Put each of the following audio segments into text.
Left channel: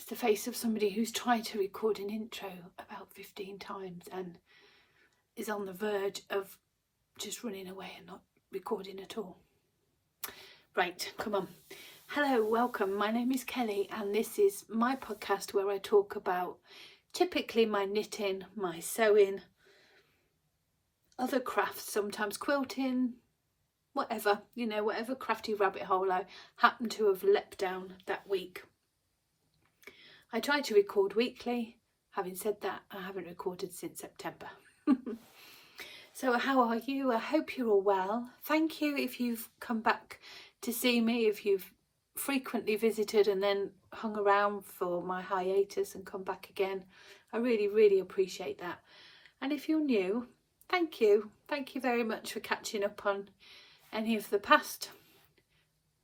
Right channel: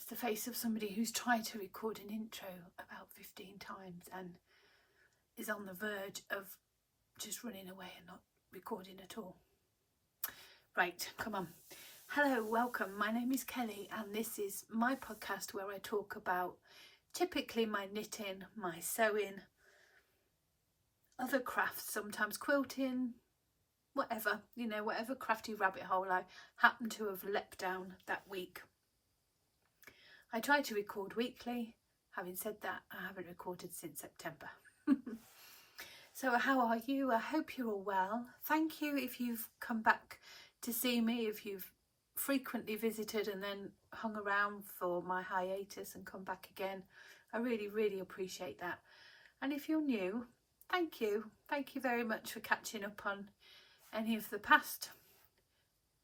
That's the face of somebody who's tried to record an intro about 15 times and is on the verge of just running away and not recording at all. Right, come on. Hello, welcome. My name is Kelly and this is my podcast where I talk about typically my knitting, my sewing, other crafts, sometimes quilting, whatever, you know, whatever crafty rabbit hole I happen to have leapt down that week. I try to record weekly. Having said that, I haven't recorded since September. So how are you? I hope you're all well. Thank you if you've come back to see me, if you've frequently visited and then hung around for my hiatus and come back again. I really appreciate that. And if you're new, thank you. Thank you very much for catching up on any of the past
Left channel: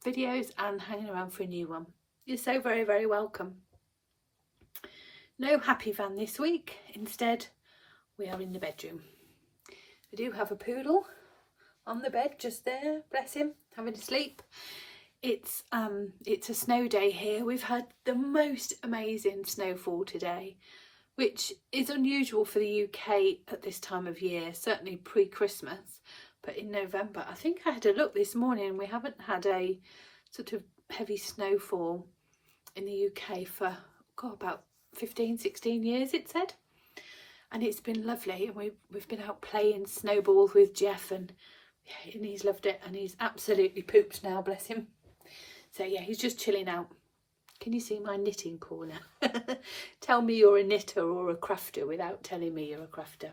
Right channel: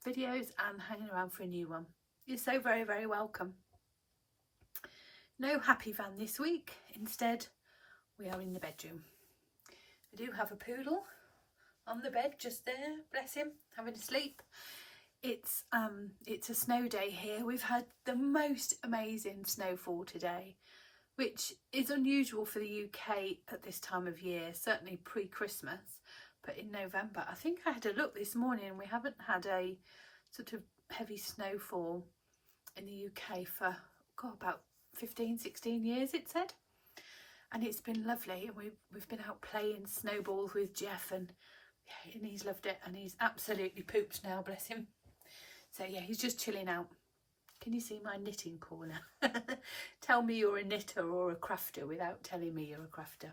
videos and hanging around for a new one. You're so very welcome. No happy van this week. Instead, we are in the bedroom. I do have a poodle on the bed just there, bless him, having a sleep. It's a snow day here. We've had the most amazing snowfall today, which is unusual for the UK at this time of year, certainly pre-Christmas. But in November, I think I had a look this morning, we haven't had a sort of heavy snowfall in the UK for about 15-16 years, it said, and it's been lovely. And we've been out playing snowballs with Jeff, and he's loved it, and he's absolutely pooped now, bless him. So yeah, he's just chilling out. Can you see my knitting corner? Tell me you're a knitter or a crafter without telling me you're a crafter.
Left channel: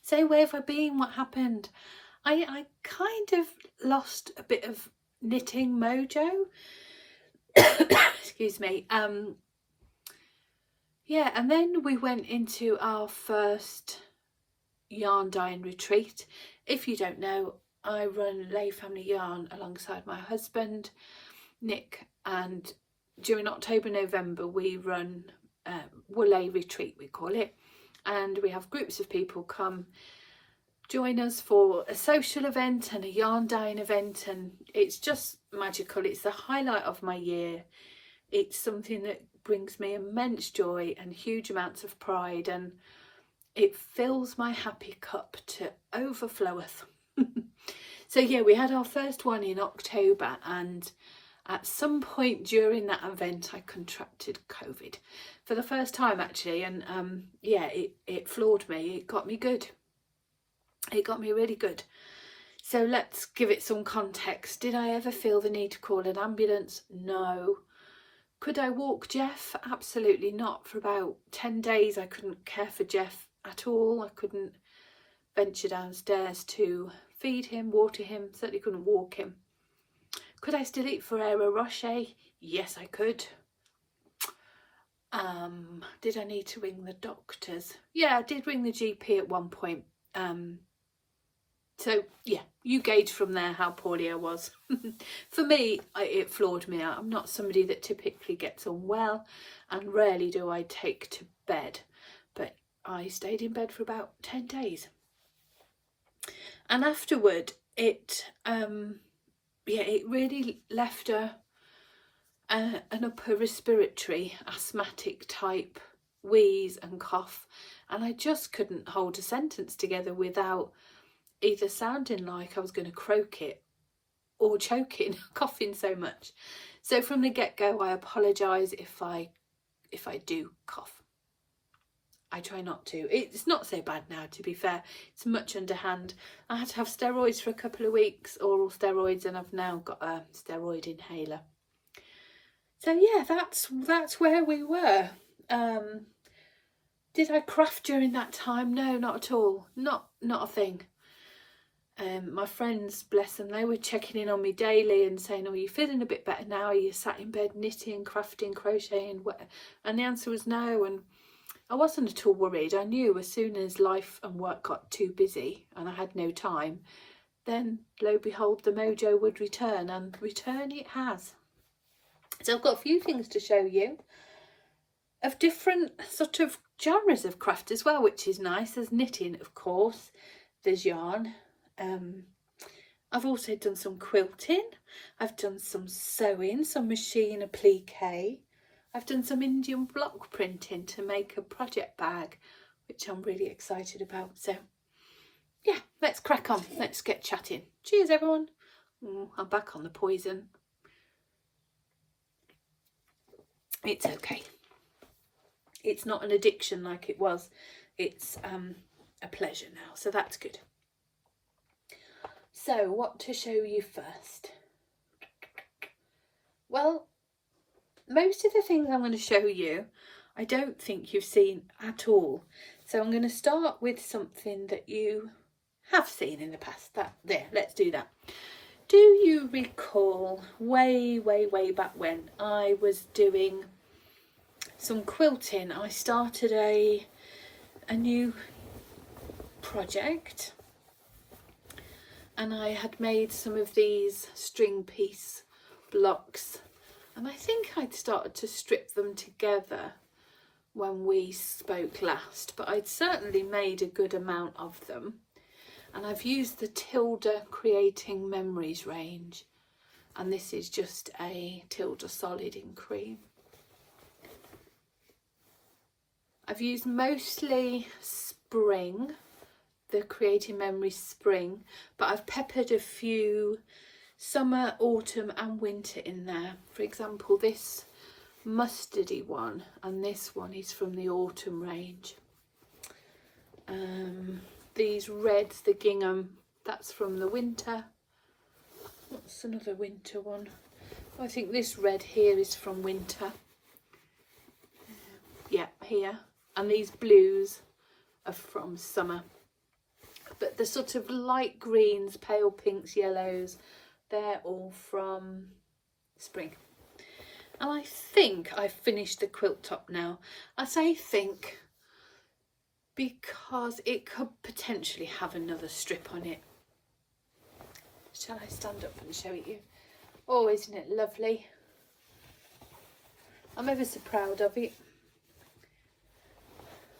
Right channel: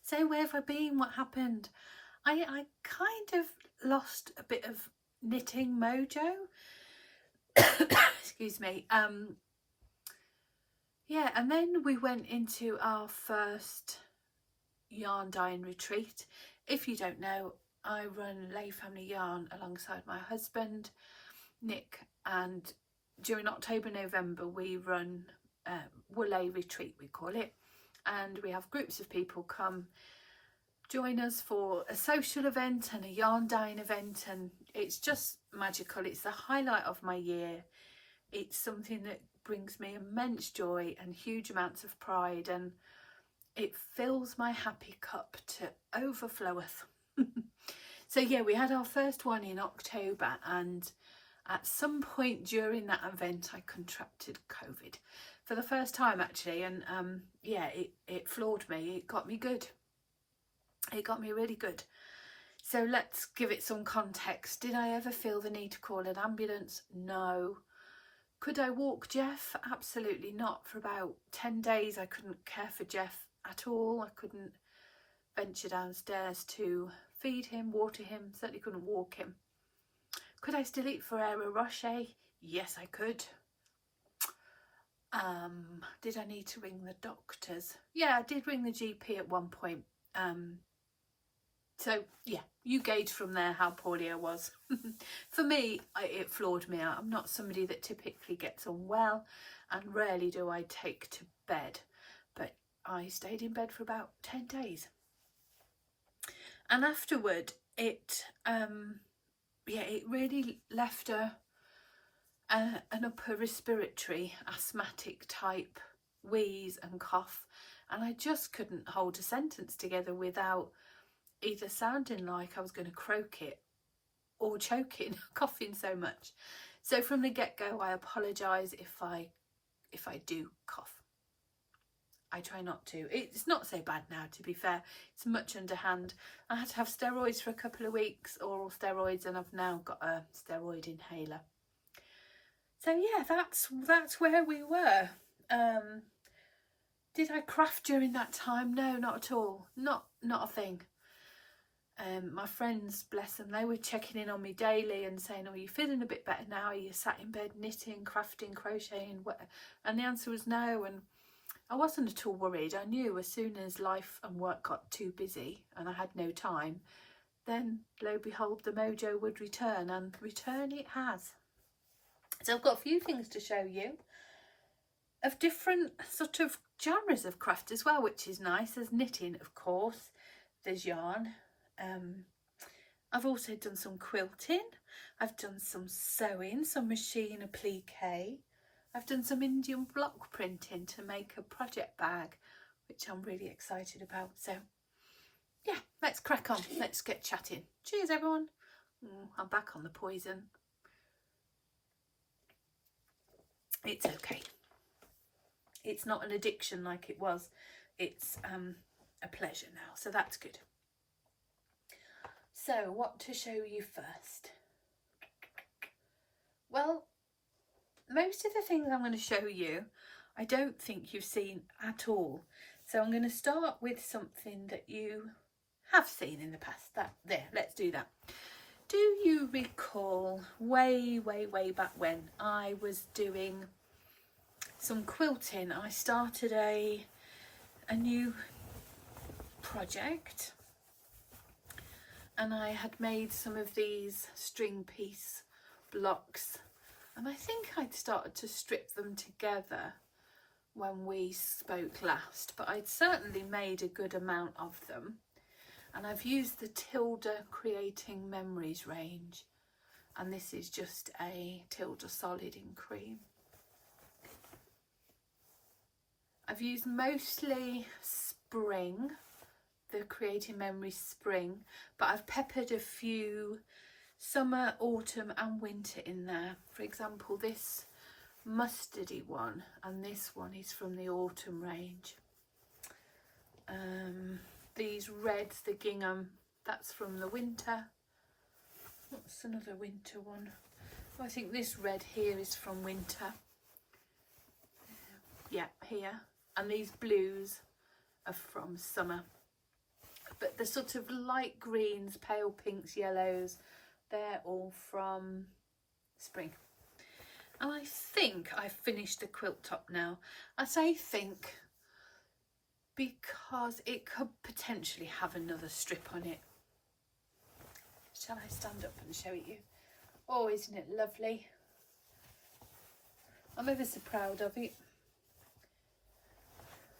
So where have I been? What happened? I kind of lost a bit of knitting mojo. Excuse me. Yeah, and then we went into our first yarn dyeing retreat. If you don't know, I run Layfamilyyarn alongside my husband, Nick, and during October, November, we run Woolay retreat, we call it. And we have groups of people come join us for a social event and a yarn dyeing event, and it's just magical. It's the highlight of my year. It's something that brings me immense joy and huge amounts of pride, and it fills my happy cup to overfloweth. So yeah, we had our first one in October, and at some point during that event I contracted COVID for the first time actually, and yeah, it floored me. It got me good. It got me really good. So let's give it some context. Did I ever feel the need to call an ambulance? No. Could I walk Jeff? Absolutely not. For about 10 days I couldn't care for Jeff at all. I couldn't venture downstairs to feed him, water him, certainly couldn't walk him. Could I still eat Ferrero Rocher? Yes, I could. Did I need to ring the doctors? Yeah, I did ring the GP at one point. So yeah, you gauge from there how poorly I was. For me, it floored me out. I'm not somebody that typically gets unwell, and rarely do I take to bed, but I stayed in bed for about 10 days. And afterward, it really left an upper respiratory asthmatic type wheeze and cough, and I just couldn't hold a sentence together without either sounding like I was going to croak it or choking, coughing so much. So from the get-go, I apologise if I do cough. I try not to. It's not so bad now, to be fair. It's much underhand. I had to have steroids for a couple of weeks, oral steroids, and I've now got a steroid inhaler. So yeah, that's where we were. Did I craft during that time? No, not at all. Not a thing. My friends, bless them, they were checking in on me daily and saying, "Oh, are you feeling a bit better now? Are you sat in bed knitting, crafting, crocheting?" And the answer was no, and I wasn't at all worried. I knew as soon as life and work got too busy and I had no time, then lo and behold, the mojo would return, and return it has. So I've got a few things to show you of different sort of genres of craft as well, which is nice. There's knitting, of course, there's yarn. I've also done some quilting, I've done some sewing, some machine applique, I've done some Indian block printing to make a project bag, which I'm really excited about. So yeah, let's crack on. Let's get chatting. Cheers, everyone. I'm back on the poison. It's okay. It's not an addiction like it was. It's a pleasure now, so that's good. So what to show you first? Well, most of the things I'm going to show you I don't think you've seen at all, so I'm going to start with something that you have seen in the past. Let's do that. Do you recall way back when I was doing some quilting? I started a new project, and I had made some of these string piece blocks, and I think I'd started to strip them together when we spoke last, but I'd certainly made a good amount of them. And I've used the Tilda Creating Memories range, and this is just a Tilda solid in cream. I've used mostly spring, the Creating Memories spring, but I've peppered a few summer, autumn and winter in there. For example, this mustardy one, and this one is from the autumn range. These reds, the gingham, that's from the winter. What's another winter one? I think this red here is from winter. Yeah, here. And these blues are from summer. But the sort of light greens, pale pinks, yellows, they're all from spring. And I think I've finished the quilt top now. I say think because it could potentially have another strip on it. Shall I stand up and show it you? Oh, isn't it lovely? I'm ever so proud of it.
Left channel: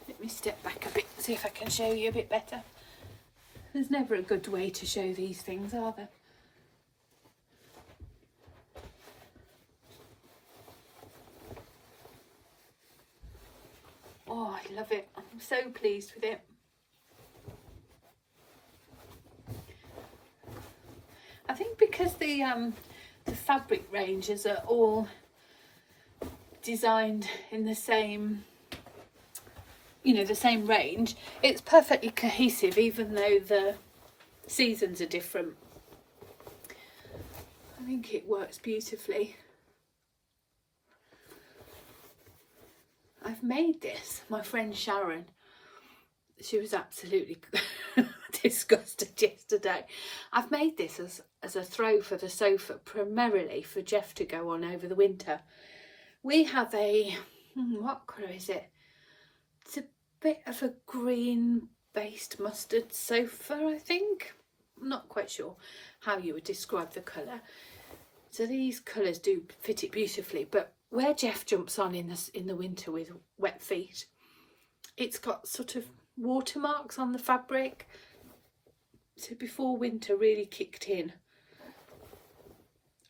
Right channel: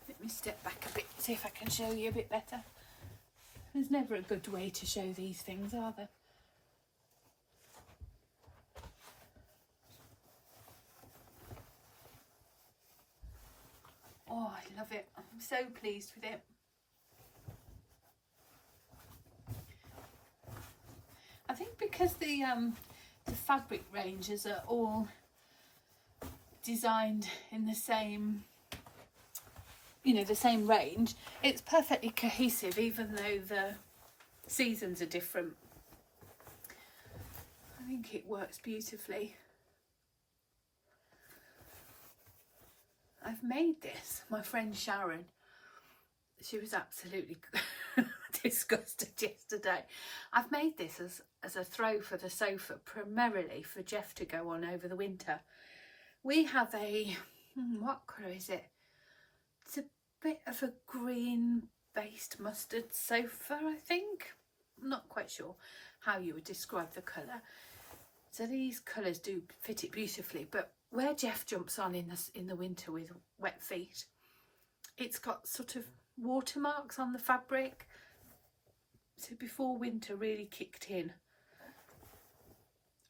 Let me step back a bit, see if I can show you a bit better. There's never a good way to show these things, are there? Oh, I love it. I'm so pleased with it. I think because the fabric ranges are all designed in the same, the same range, it's perfectly cohesive even though the seasons are different. I think it works beautifully. I've made this, my friend Sharon, she was absolutely disgusted yesterday. I've made this as a throw for the sofa, primarily for Jeff to go on over the winter. We have a, what colour is it? It's a bit of a green based mustard sofa, I think. I'm not quite sure how you would describe the colour. So these colours do fit it beautifully, but where Jeff jumps on in the winter with wet feet, it's got sort of watermarks on the fabric. So before winter really kicked in,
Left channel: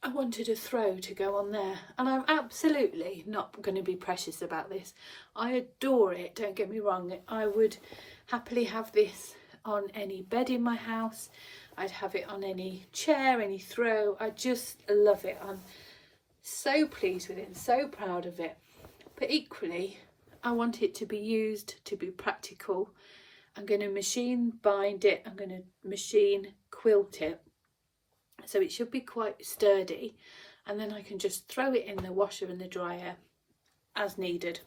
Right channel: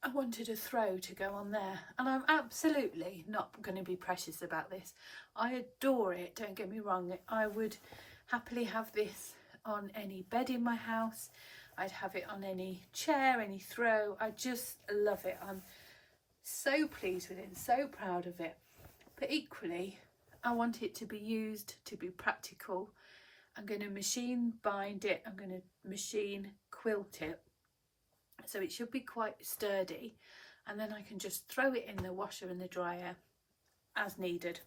I wanted a throw to go on there, and I'm absolutely not going to be precious about this. I adore it, don't get me wrong. I would happily have this on any bed in my house. I'd have it on any chair, any throw. I just love it. I'm so pleased with it and so proud of it. But equally, I want it to be used, to be practical. I'm going to machine bind it. I'm going to machine quilt it. So it should be quite sturdy. And then I can just throw it in the washer and the dryer as needed.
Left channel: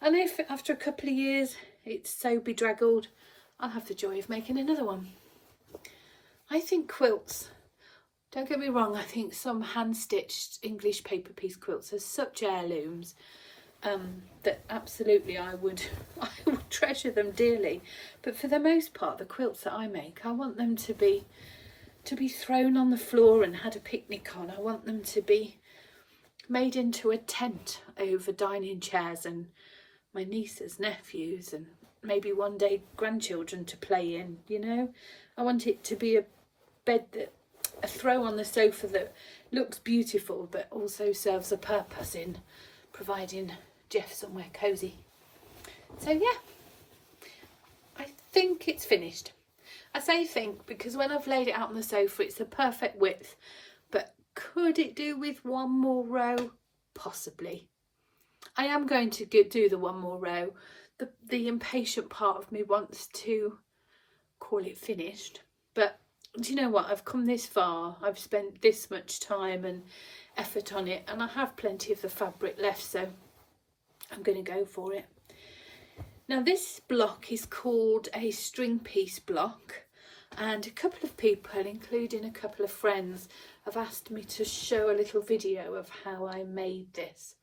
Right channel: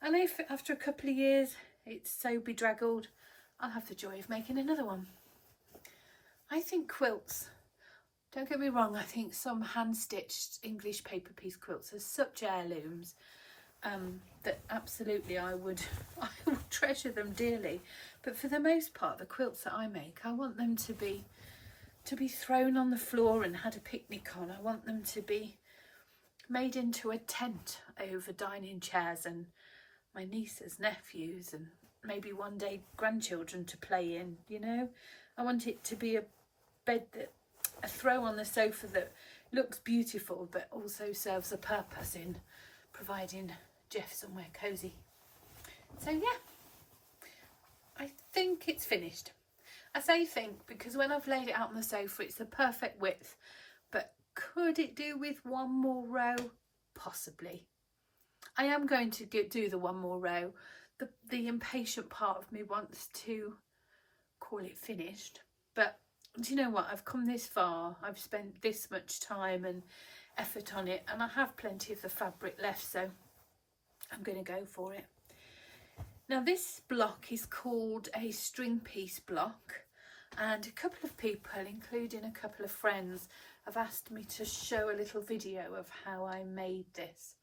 And if after a couple of years it's so bedraggled, I'll have the joy of making another one. I think quilts, don't get me wrong, I think some hand-stitched English paper piece quilts are such heirlooms that absolutely I would treasure them dearly. But for the most part, the quilts that I make, I want them to be thrown on the floor and had a picnic on. I want them to be made into a tent over dining chairs and my nieces, nephews, and maybe one day grandchildren to play in, I want it to be a bed, a throw on the sofa that looks beautiful but also serves a purpose in providing Jeff somewhere cosy. So yeah, I think it's finished. I say think because when I've laid it out on the sofa it's the perfect width, but could it do with one more row? Possibly. I am going to do the one more row. The impatient part of me wants to call it finished, but do you know what, I've come this far, I've spent this much time and effort on it, and I have plenty of the fabric left, so I'm going to go for it. Now this block is called a string piece block, and a couple of people, including a couple of friends, have asked me to show a little video of how I made this,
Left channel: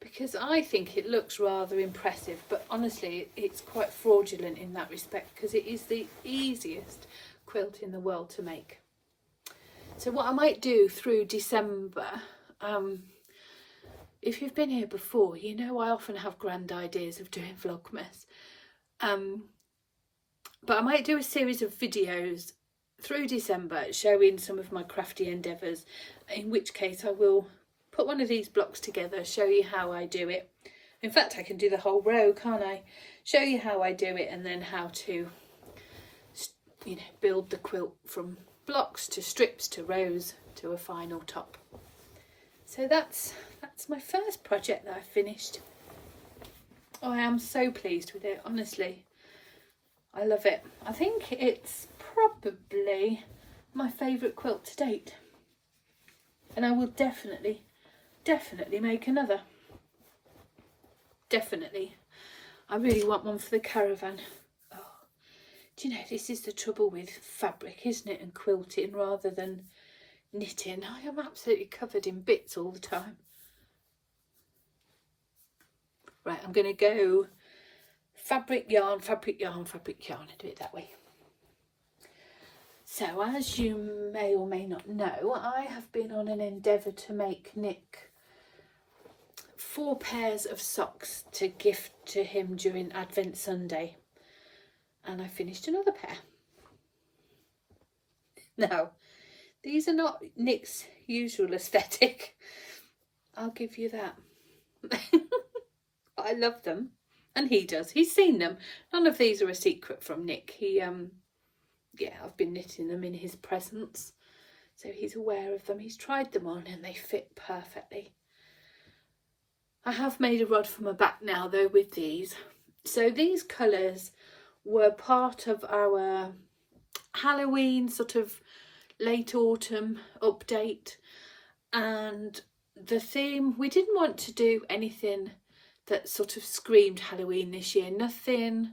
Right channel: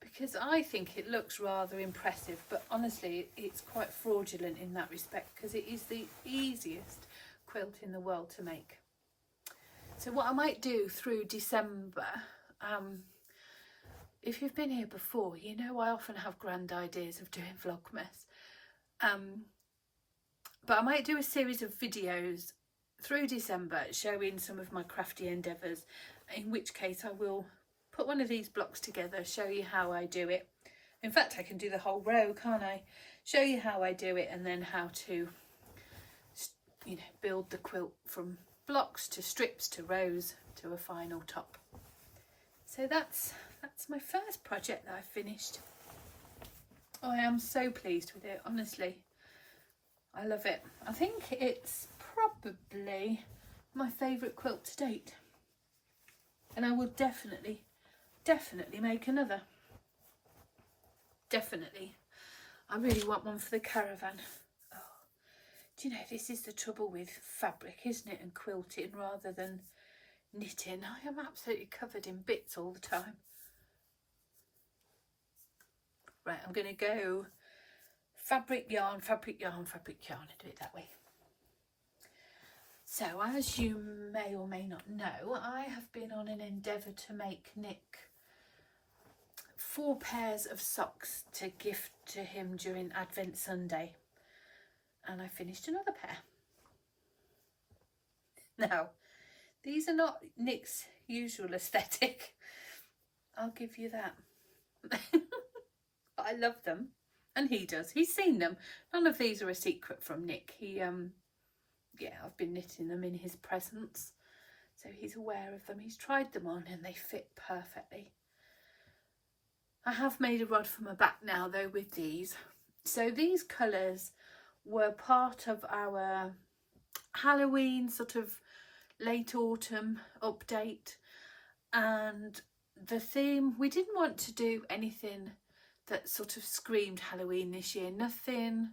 because I think it looks rather impressive, but honestly it's quite fraudulent in that respect, because it is the easiest quilt in the world to make. So what I might do through December, if you've been here before, you know I often have grand ideas of doing Vlogmas, but I might do a series of videos through December showing some of my crafty endeavours, in which case I will put one of these blocks together, show you how I do it. In fact, I can do the whole row, can't I? Show you how I do it, and then how to, you know, build the quilt from blocks to strips to rows to a final top. So that's my first project that I finished. Oh, I am so pleased with it, honestly. I love it. I think it's probably my favourite quilt to date, and I will definitely make another. Definitely. I really want one for the caravan. Oh, do you know, this is the trouble with fabric, isn't it, and quilting rather than knitting. I am absolutely covered in bits all the time. Right, I'm going to go fabric, yarn, fabric, yarn, fabric, yarn. I do it that way. So as you may or may not know, I have been on an endeavour to make Nick 4 pairs of socks to gift to him during Advent Sunday, and I finished another pair. Now, these are not Nick's usual aesthetic, I'll give you that. I love them, and he does. He's seen them. None of these are a secret from Nick. He yeah, I've been knitting them in his presence, so he's aware of them. He's tried them on and they fit perfectly. I have made a rod for my back now though with these. So these colours were part of our Halloween sort of late autumn update, and the theme, we didn't want to do anything that sort of screamed Halloween this year. Nothing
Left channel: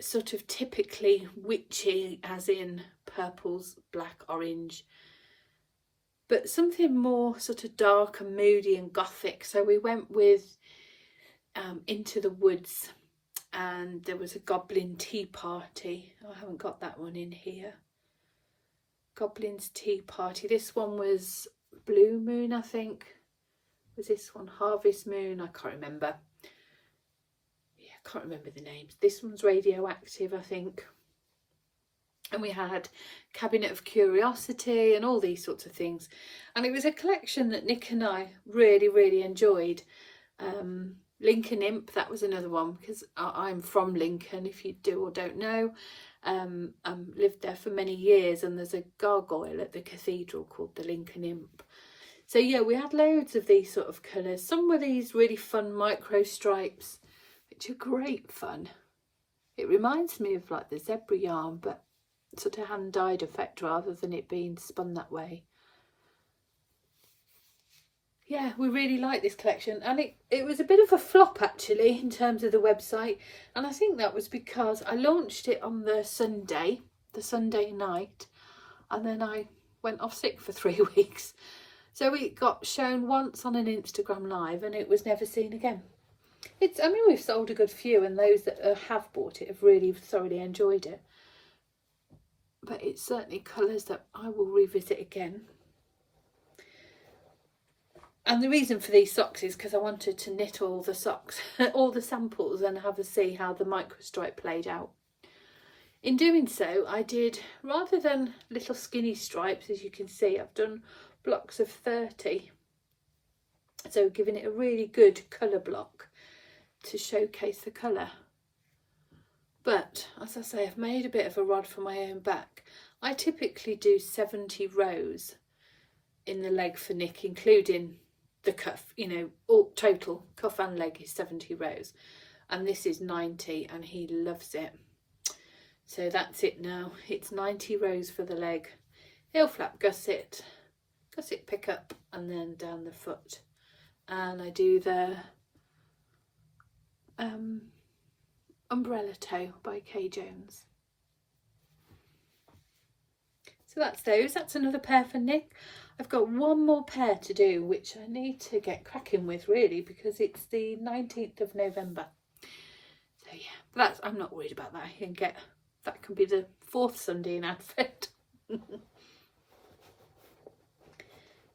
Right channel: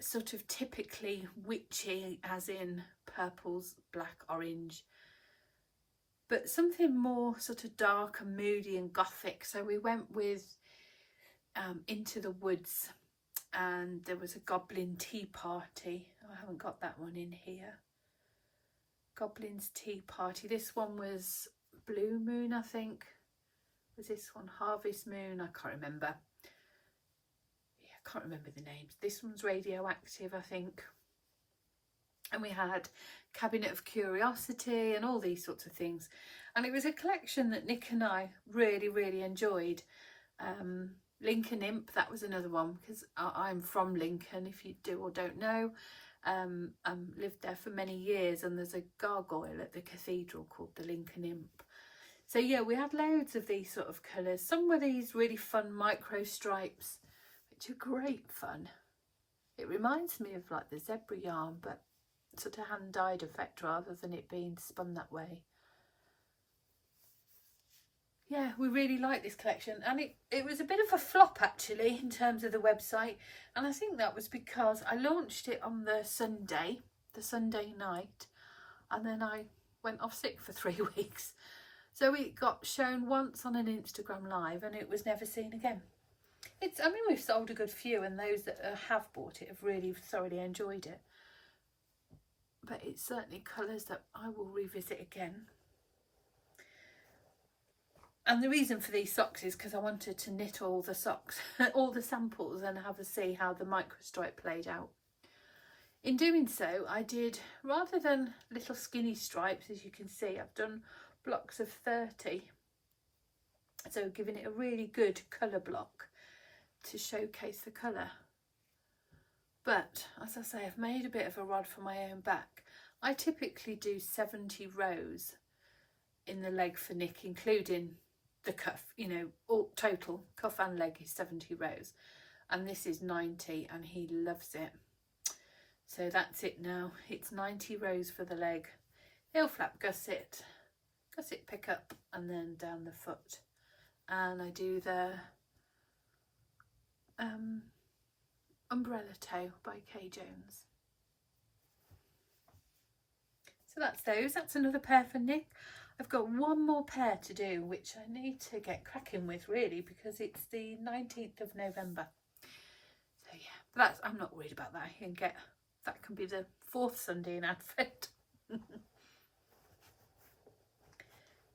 sort of typically witchy, as in purples, black, orange, but something more sort of dark and moody and gothic. So we went with Into the Woods, and there was a goblin tea party. Oh, I haven't got that one in here. Goblin's tea party. This one was Blue Moon, I think. Was this one Harvest Moon? I can't remember. Yeah, I can't remember the names. This one's Radioactive, I think. And we had Cabinet of Curiosity and all these sorts of things. And it was a collection that Nick and I really enjoyed. Lincoln Imp, that was another one, because I'm from Lincoln, if you do or don't know. Lived there for many years, and there's a gargoyle at the cathedral called the Lincoln Imp. So yeah, we had loads of these sort of colours. Some were these really fun micro stripes, which are great fun. It reminds me of like the zebra yarn, but sort of hand dyed effect rather than it being spun that way. Yeah, we really like this collection, and it was a bit of a flop actually in terms of the website, and I think that was because I launched it on the Sunday night, and then I went off sick for 3 weeks. So it got shown once on an Instagram live and it was never seen again. I mean, we've sold a good few, and those that have bought it have really thoroughly enjoyed it. But it's certainly colours that I will revisit again. And the reason for these socks is because I wanted to knit all the socks, all the samples, and have a see how the microstripe played out. In doing so, I did, rather than little skinny stripes, as you can see, I've done blocks of 30. so giving it a really good colour block to showcase the colour. But as I say, I've made a bit of a rod for my own back. I typically do 70 rows in the leg for Nick, including the cuff, you know, all total cuff and leg is 70 rows, and this is 90, and he loves it. So that's it now. It's 90 rows for the leg. Heel flap gusset pick up, and then down the foot. And I do the umbrella toe by Kay Jones. So that's those. That's another pair for Nick. I've got one more pair to do, which I need to get cracking with really, because it's the 19th of November. So yeah, that's, I'm not worried about that. I can get, that can be the 4th Sunday in Advent.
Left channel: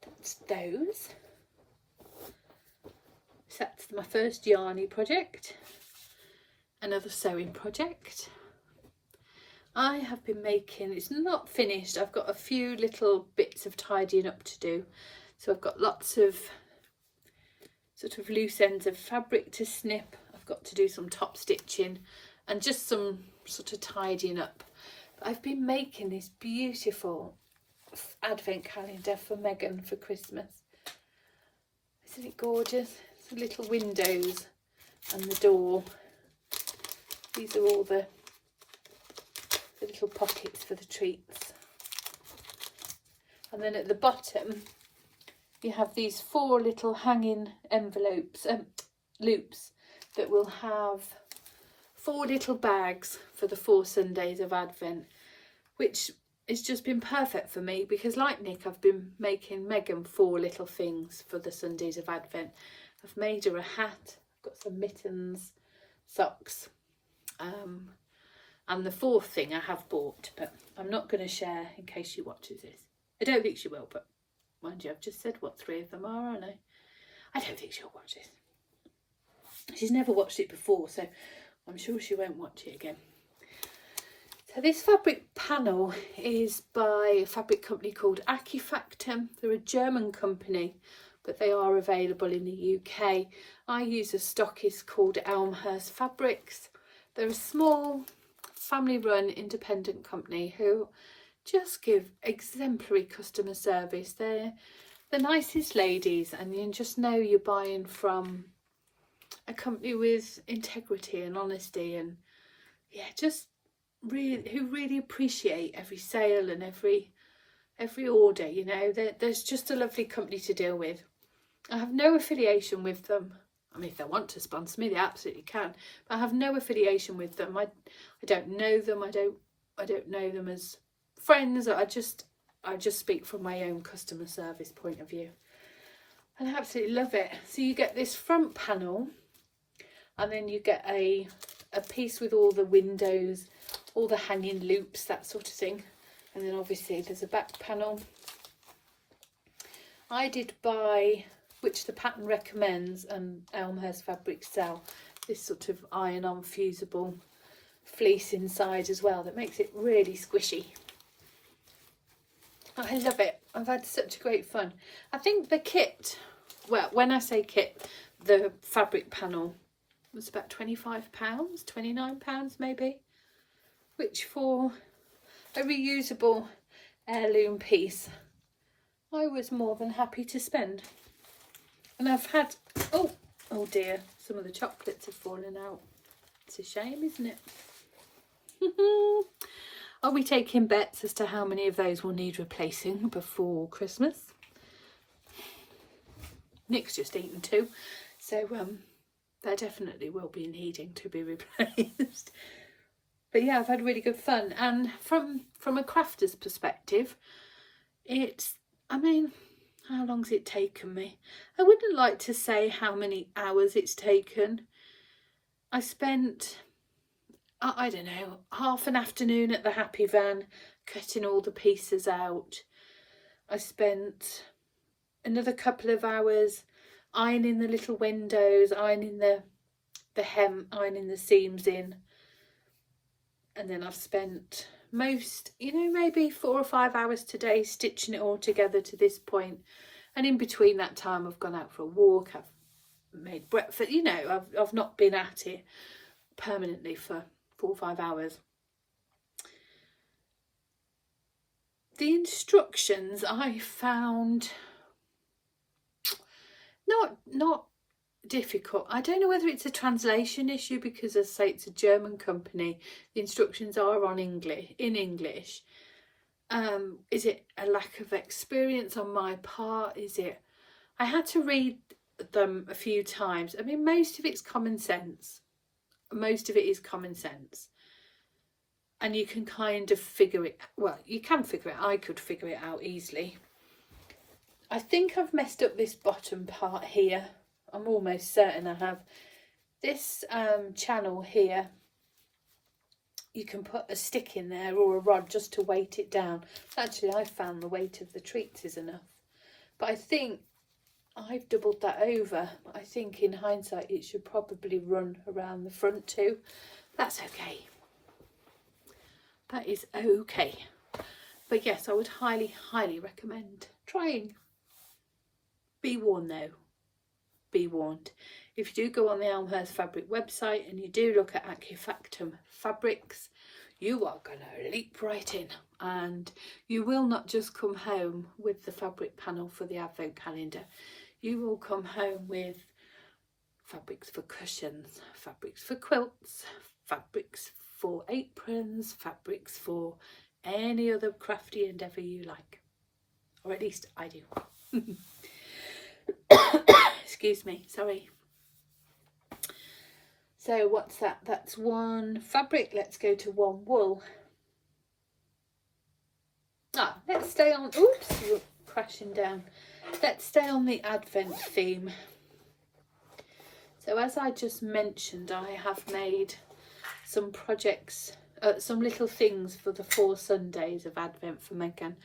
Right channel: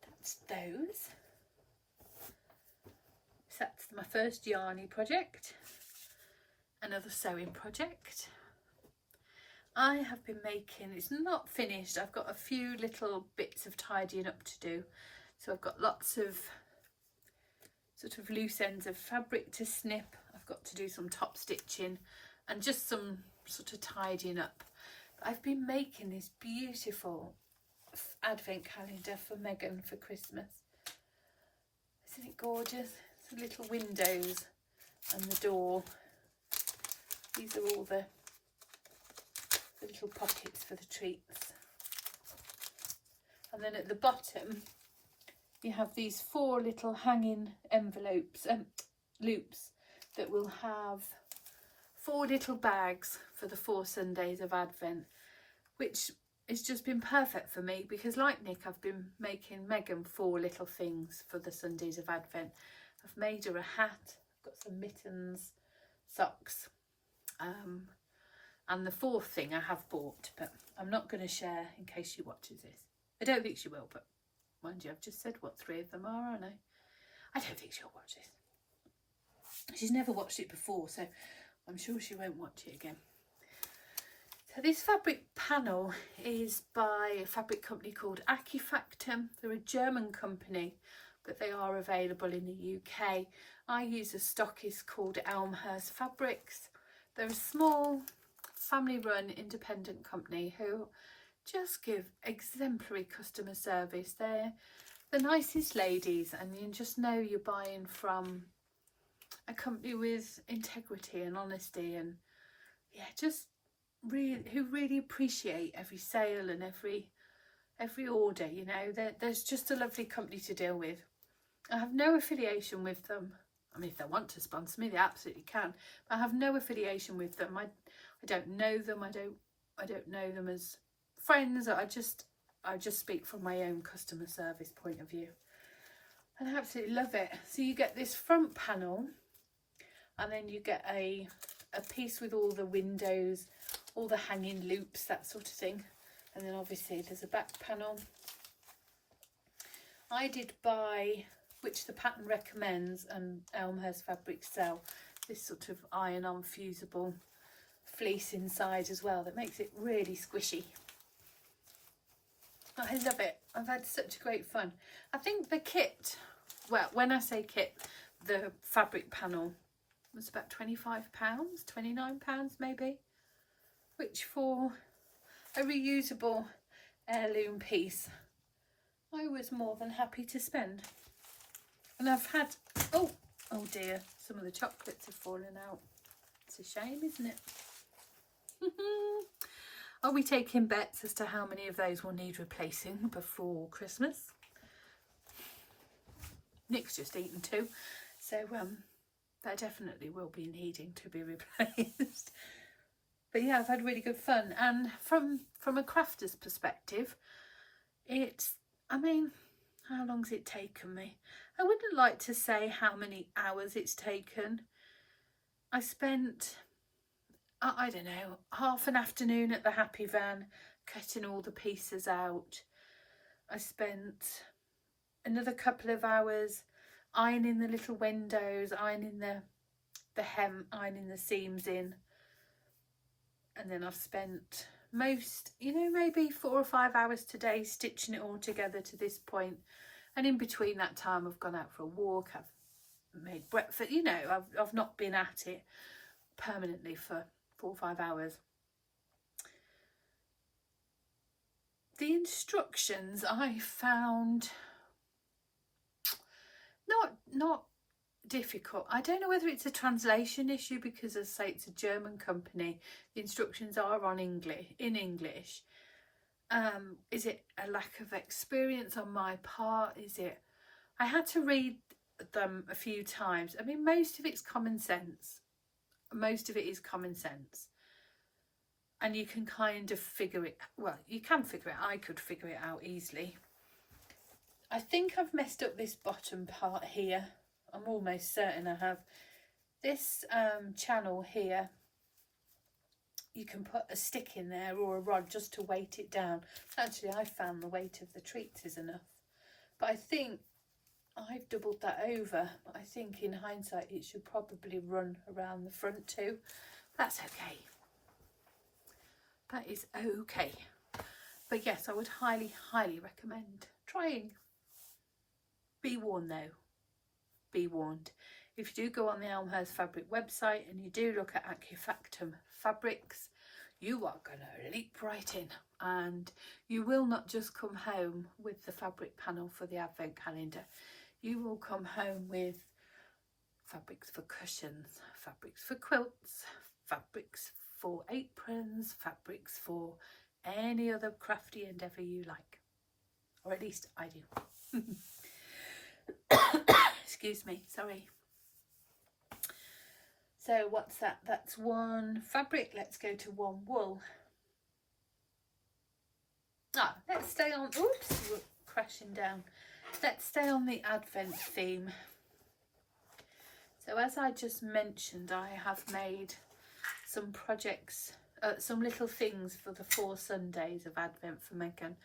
That's those. So that's my first yarny project. Another sewing project. I have been making, it's not finished, I've got a few little bits of tidying up to do. So I've got lots of sort of loose ends of fabric to snip. I've got to do some top stitching and just some sort of tidying up. But I've been making this beautiful advent calendar for Megan for Christmas. Isn't it gorgeous? The little windows and the door. These are all the little pockets for the treats. And then at the bottom you have these 4 little hanging envelopes, loops, that will have 4 little bags for the 4 Sundays of Advent, which has just been perfect for me because, like Nick, I've been making Megan 4 little things for the Sundays of Advent. I've made her a hat, I've got some mittens, socks, and the 4th thing I have bought, but I'm not going to share in case she watches this. I don't think she will, but mind you, I've just said what 3 of them are, aren't I don't think she'll watch this. She's never watched it before, so I'm sure she won't watch it again. So this fabric panel is by a fabric company called Acufactumn. They're a German company, but they are available in the UK. I use a stockist called Elmhurst Fabrics. They're a small family-run independent company who just give exemplary customer service. They're the nicest ladies, and you just know you're buying from a company with integrity and honesty, and yeah, just really, who really appreciate every sale and every order. You know, there's just a lovely company to deal with. I have no affiliation with them. I mean, if they want to sponsor me, they absolutely can. But I have no affiliation with them. I don't know them. I don't know them as friends. I just speak from my own customer service point of view, and I absolutely love it. So you get this front panel, and then you get a piece with all the windows, all the hanging loops, that sort of thing, and then obviously there's a back panel. I did buy, which the pattern recommends and Elmhurst Fabrics sell, this sort of iron-on fusible fleece inside as well that makes it really squishy. I love it. I've had such great fun. I think the kit, well, when I say kit, the fabric panel was about £25, £29 maybe, which for a reusable heirloom piece I was more than happy to spend. And I've had, oh dear, some of the chocolates have fallen out. It's a shame, isn't it? Are we taking bets as to how many of those will need replacing before Christmas? Nick's just eaten 2, so there definitely will be needing to be replaced. But yeah, I've had really good fun, and from a crafter's perspective, it's, I mean, how long's it taken me? I wouldn't like to say how many hours it's taken. I spent, I don't know, half an afternoon at the Happy Van cutting all the pieces out. I spent another couple of hours ironing the little windows, ironing the hem, ironing the seams in. And then I've spent most, you know, maybe 4 or 5 hours today stitching it all together to this point. And in between that time, I've gone out for a walk, I've made breakfast, you know, I've not been at it permanently for 4 or 5 hours. The instructions I found not difficult. I don't know whether it's a translation issue, because as I say, it's a German company. The instructions are in English. Is it a lack of experience on my part? I had to read them a few times. I mean, most of it's common sense. Most of it is common sense. And you can kind of figure it, well, you can figure it, I could figure it out easily. I think I've messed up this bottom part here. I'm almost certain I have. This channel here, you can put a stick in there or a rod just to weight it down. Actually, I found the weight of the treats is enough. But I think I've doubled that over. I think in hindsight it should probably run around the front too. That's okay. That is okay. But yes, I would highly, highly recommend trying. Be warned though. Be warned. If you do go on the Elmhurst Fabric website and you do look at acufactumn fabrics, you are going to leap right in, and you will not just come home with the fabric panel for the advent calendar. You will come home with fabrics for cushions, fabrics for quilts, fabrics for aprons, fabrics for any other crafty endeavour you like, or at least I do. Excuse me, sorry. So what's that? That's one fabric. Let's go to one wool. Let's stay on, oops, we're crashing down. Let's stay on the Advent theme. So as I just mentioned, I have made some projects, some little things for the 4 Sundays of Advent for Megan.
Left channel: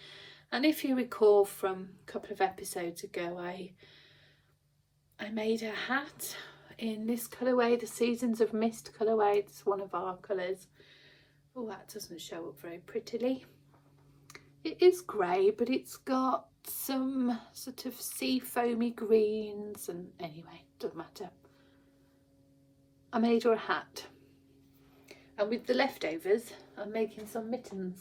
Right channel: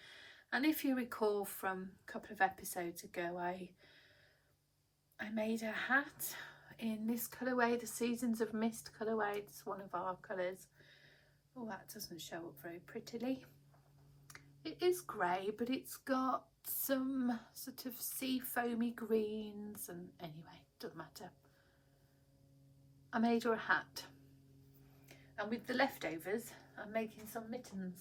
And if you recall from a couple of episodes ago, I made a hat in this colourway, the Seasons of Mist colourway. It's one of our colours. Oh, that doesn't show up very prettily. It is grey, but it's got some sort of sea foamy greens, and anyway, doesn't matter. I made her a hat, and with the leftovers I'm making some mittens.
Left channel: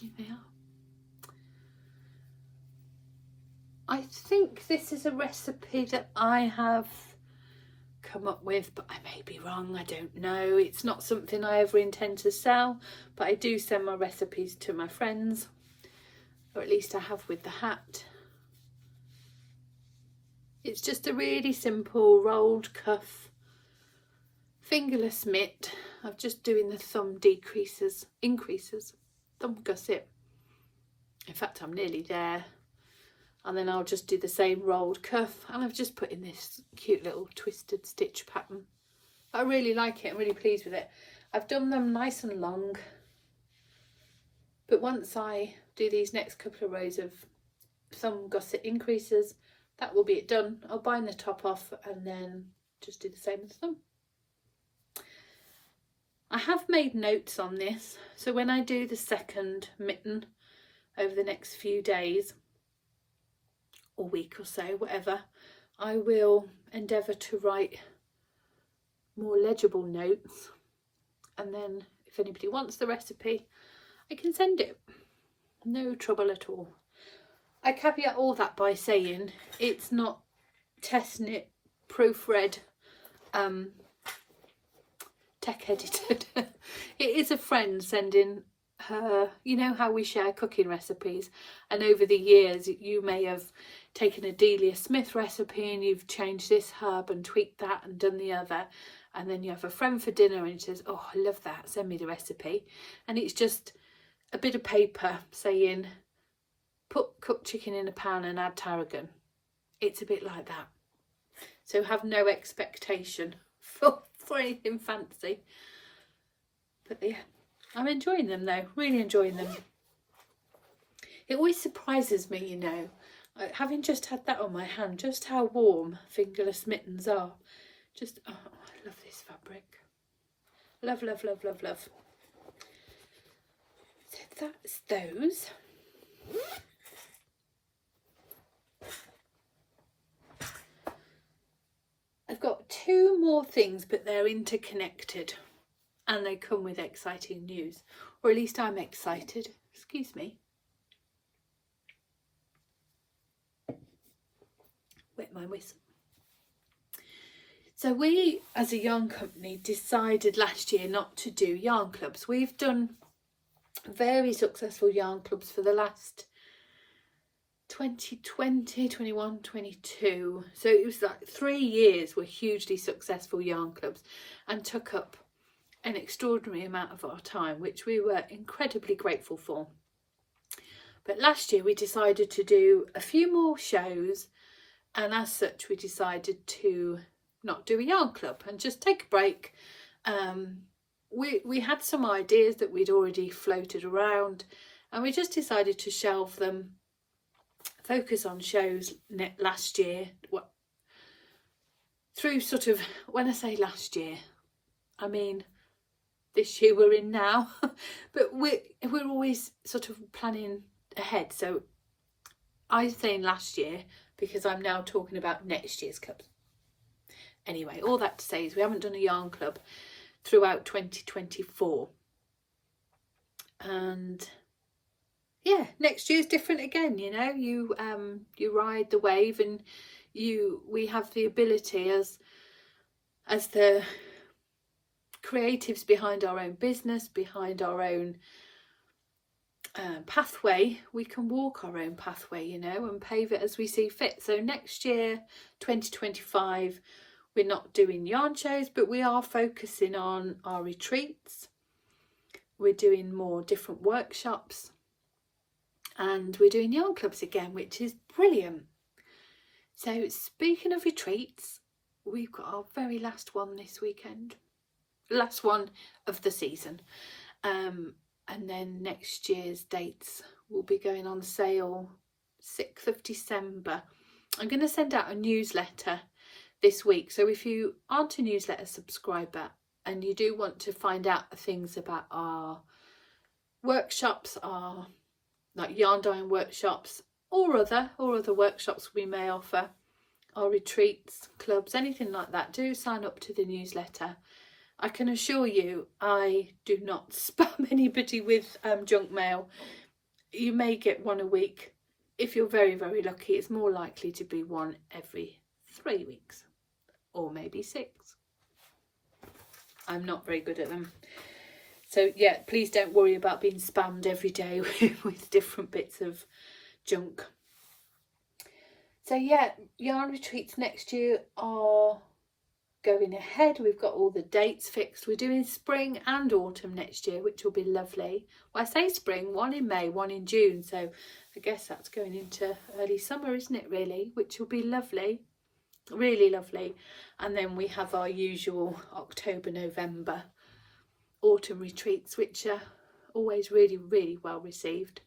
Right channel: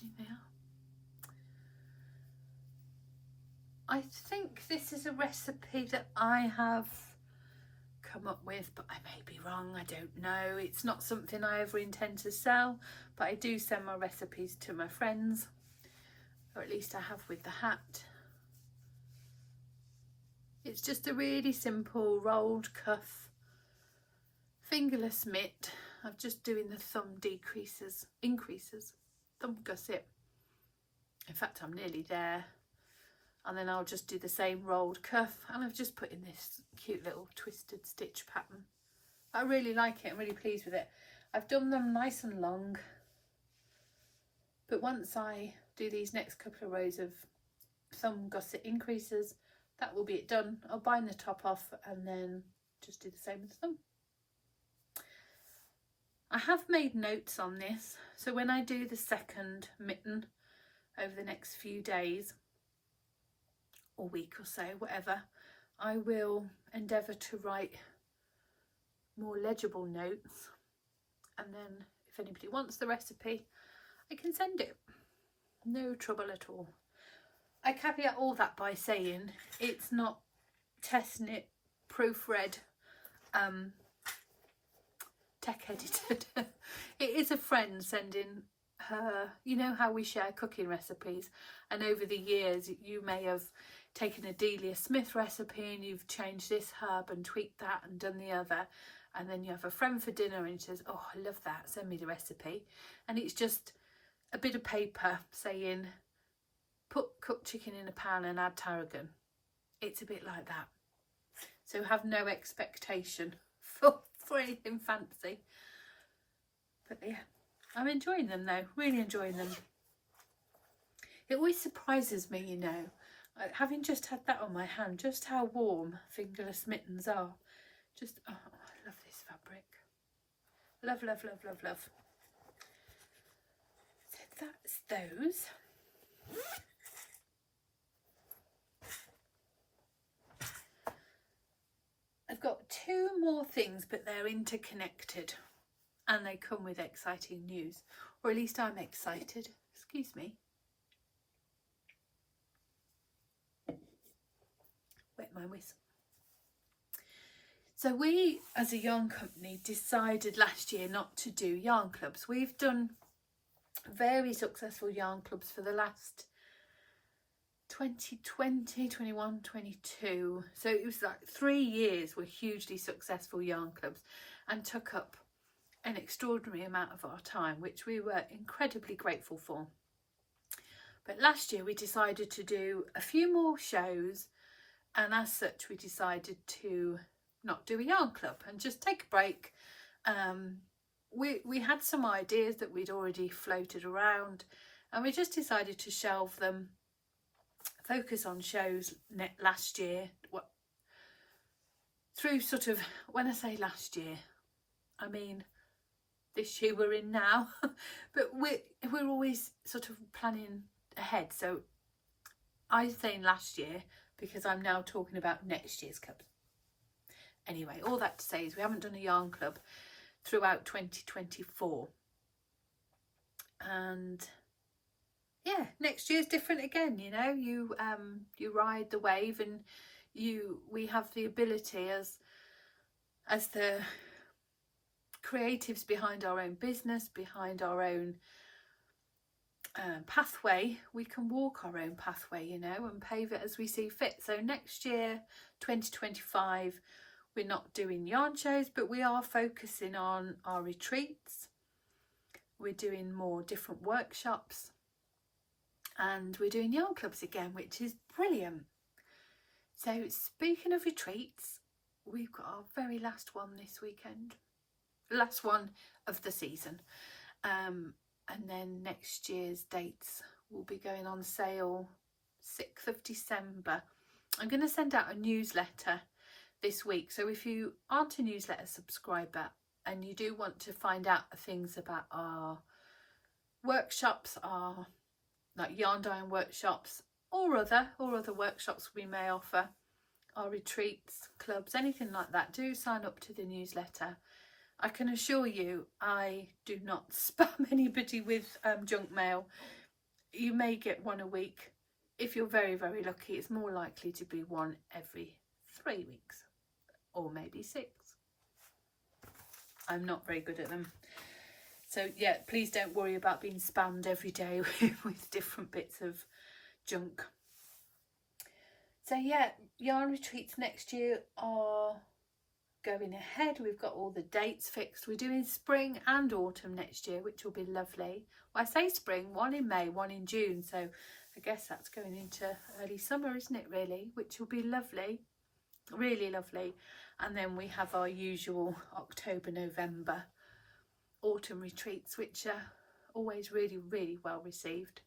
Here they are. I think this is a recipe that I have come up with, but I may be wrong, I don't know. It's not something I ever intend to sell, but I do send my recipes to my friends, or at least I have with the hat. It's just a really simple rolled cuff fingerless mitt. I'm just doing the thumb increases, thumb gusset. In fact, I'm nearly there. And then I'll just do the same rolled cuff, and I've just put in this cute little twisted stitch pattern. I really like it. I'm really pleased with it. I've done them nice and long, but once I do these next couple of rows of thumb gusset increases, that will be it done. I'll bind the top off and then just do the same as thumb. I have made notes on this, so when I do the second mitten over the next few days or week or so, whatever, I will endeavour to write more legible notes, and then if anybody wants the recipe, I can send it. No trouble at all. I caveat all that by saying it's not test knit, proofread, tech edited. It is a friend sending her, you know how we share cooking recipes, and over the years you may have taken a Delia Smith recipe and you've changed this herb and tweaked that and done the other, and then you have a friend for dinner and she says, oh, I love that, send me the recipe. And it's just a bit of paper saying put cooked chicken in a pan and add tarragon. It's a bit like that, so have no expectation for anything fancy. But yeah, I'm enjoying them though, really enjoying them. It always surprises me, you know, having just had that on my hand, just how warm fingerless mittens are. Just, oh, I love this fabric. Love, love, love, love, love. So that's those. I've got two more things, but they're interconnected and they come with exciting news, or at least I'm excited. Excuse me. Wet my whistle. So we, as a yarn company, decided last year not to do yarn clubs. We've done very successful yarn clubs for the last 2020, 21, 22. So it was like 3 years were hugely successful yarn clubs and took up an extraordinary amount of our time, which we were incredibly grateful for. But last year we decided to do a few more shows, and as such we decided to not do a yarn club and just take a break. We had some ideas that we'd already floated around, and we just decided to shelve them, focus on shows last year. Through sort of, when I say last year, I mean this year we're in now, but we're always sort of planning ahead. So I'm saying last year because I'm now talking about next year's clubs. Anyway, all that to say is we haven't done a yarn club throughout 2024, and yeah, next year's different again. You know, you ride the wave, and we have the ability as the creatives behind our own business, behind our own pathway, we can walk our own pathway, you know, and pave it as we see fit. So next year, 2025, we're not doing yarn shows, but we are focusing on our retreats. We're doing more different workshops, and we're doing yarn clubs again, which is brilliant. So speaking of retreats, we've got our very last one this weekend, last one of the season, and then next year's dates will be going on sale 6th of December. I'm going to send out a newsletter this week, so if you aren't a newsletter subscriber and you do want to find out things about our workshops, our like yarn dyeing workshops, or other workshops we may offer, our retreats, clubs, anything like that, do sign up to the newsletter. I can assure you I do not spam anybody with junk mail. You may get one a week. If you're very, very lucky, it's more likely to be one every 3 weeks, or maybe 6. I'm not very good at them. So yeah, please don't worry about being spammed every day with different bits of junk. So yeah, yarn retreats next year are going ahead. We've got all the dates fixed. We're doing spring and autumn next year, which will be lovely. Well, I say spring, one in May, one in June, so I guess that's going into early summer, isn't it, really, which will be lovely, really lovely. And then we have our usual October, November autumn retreats, which are always really, really well received.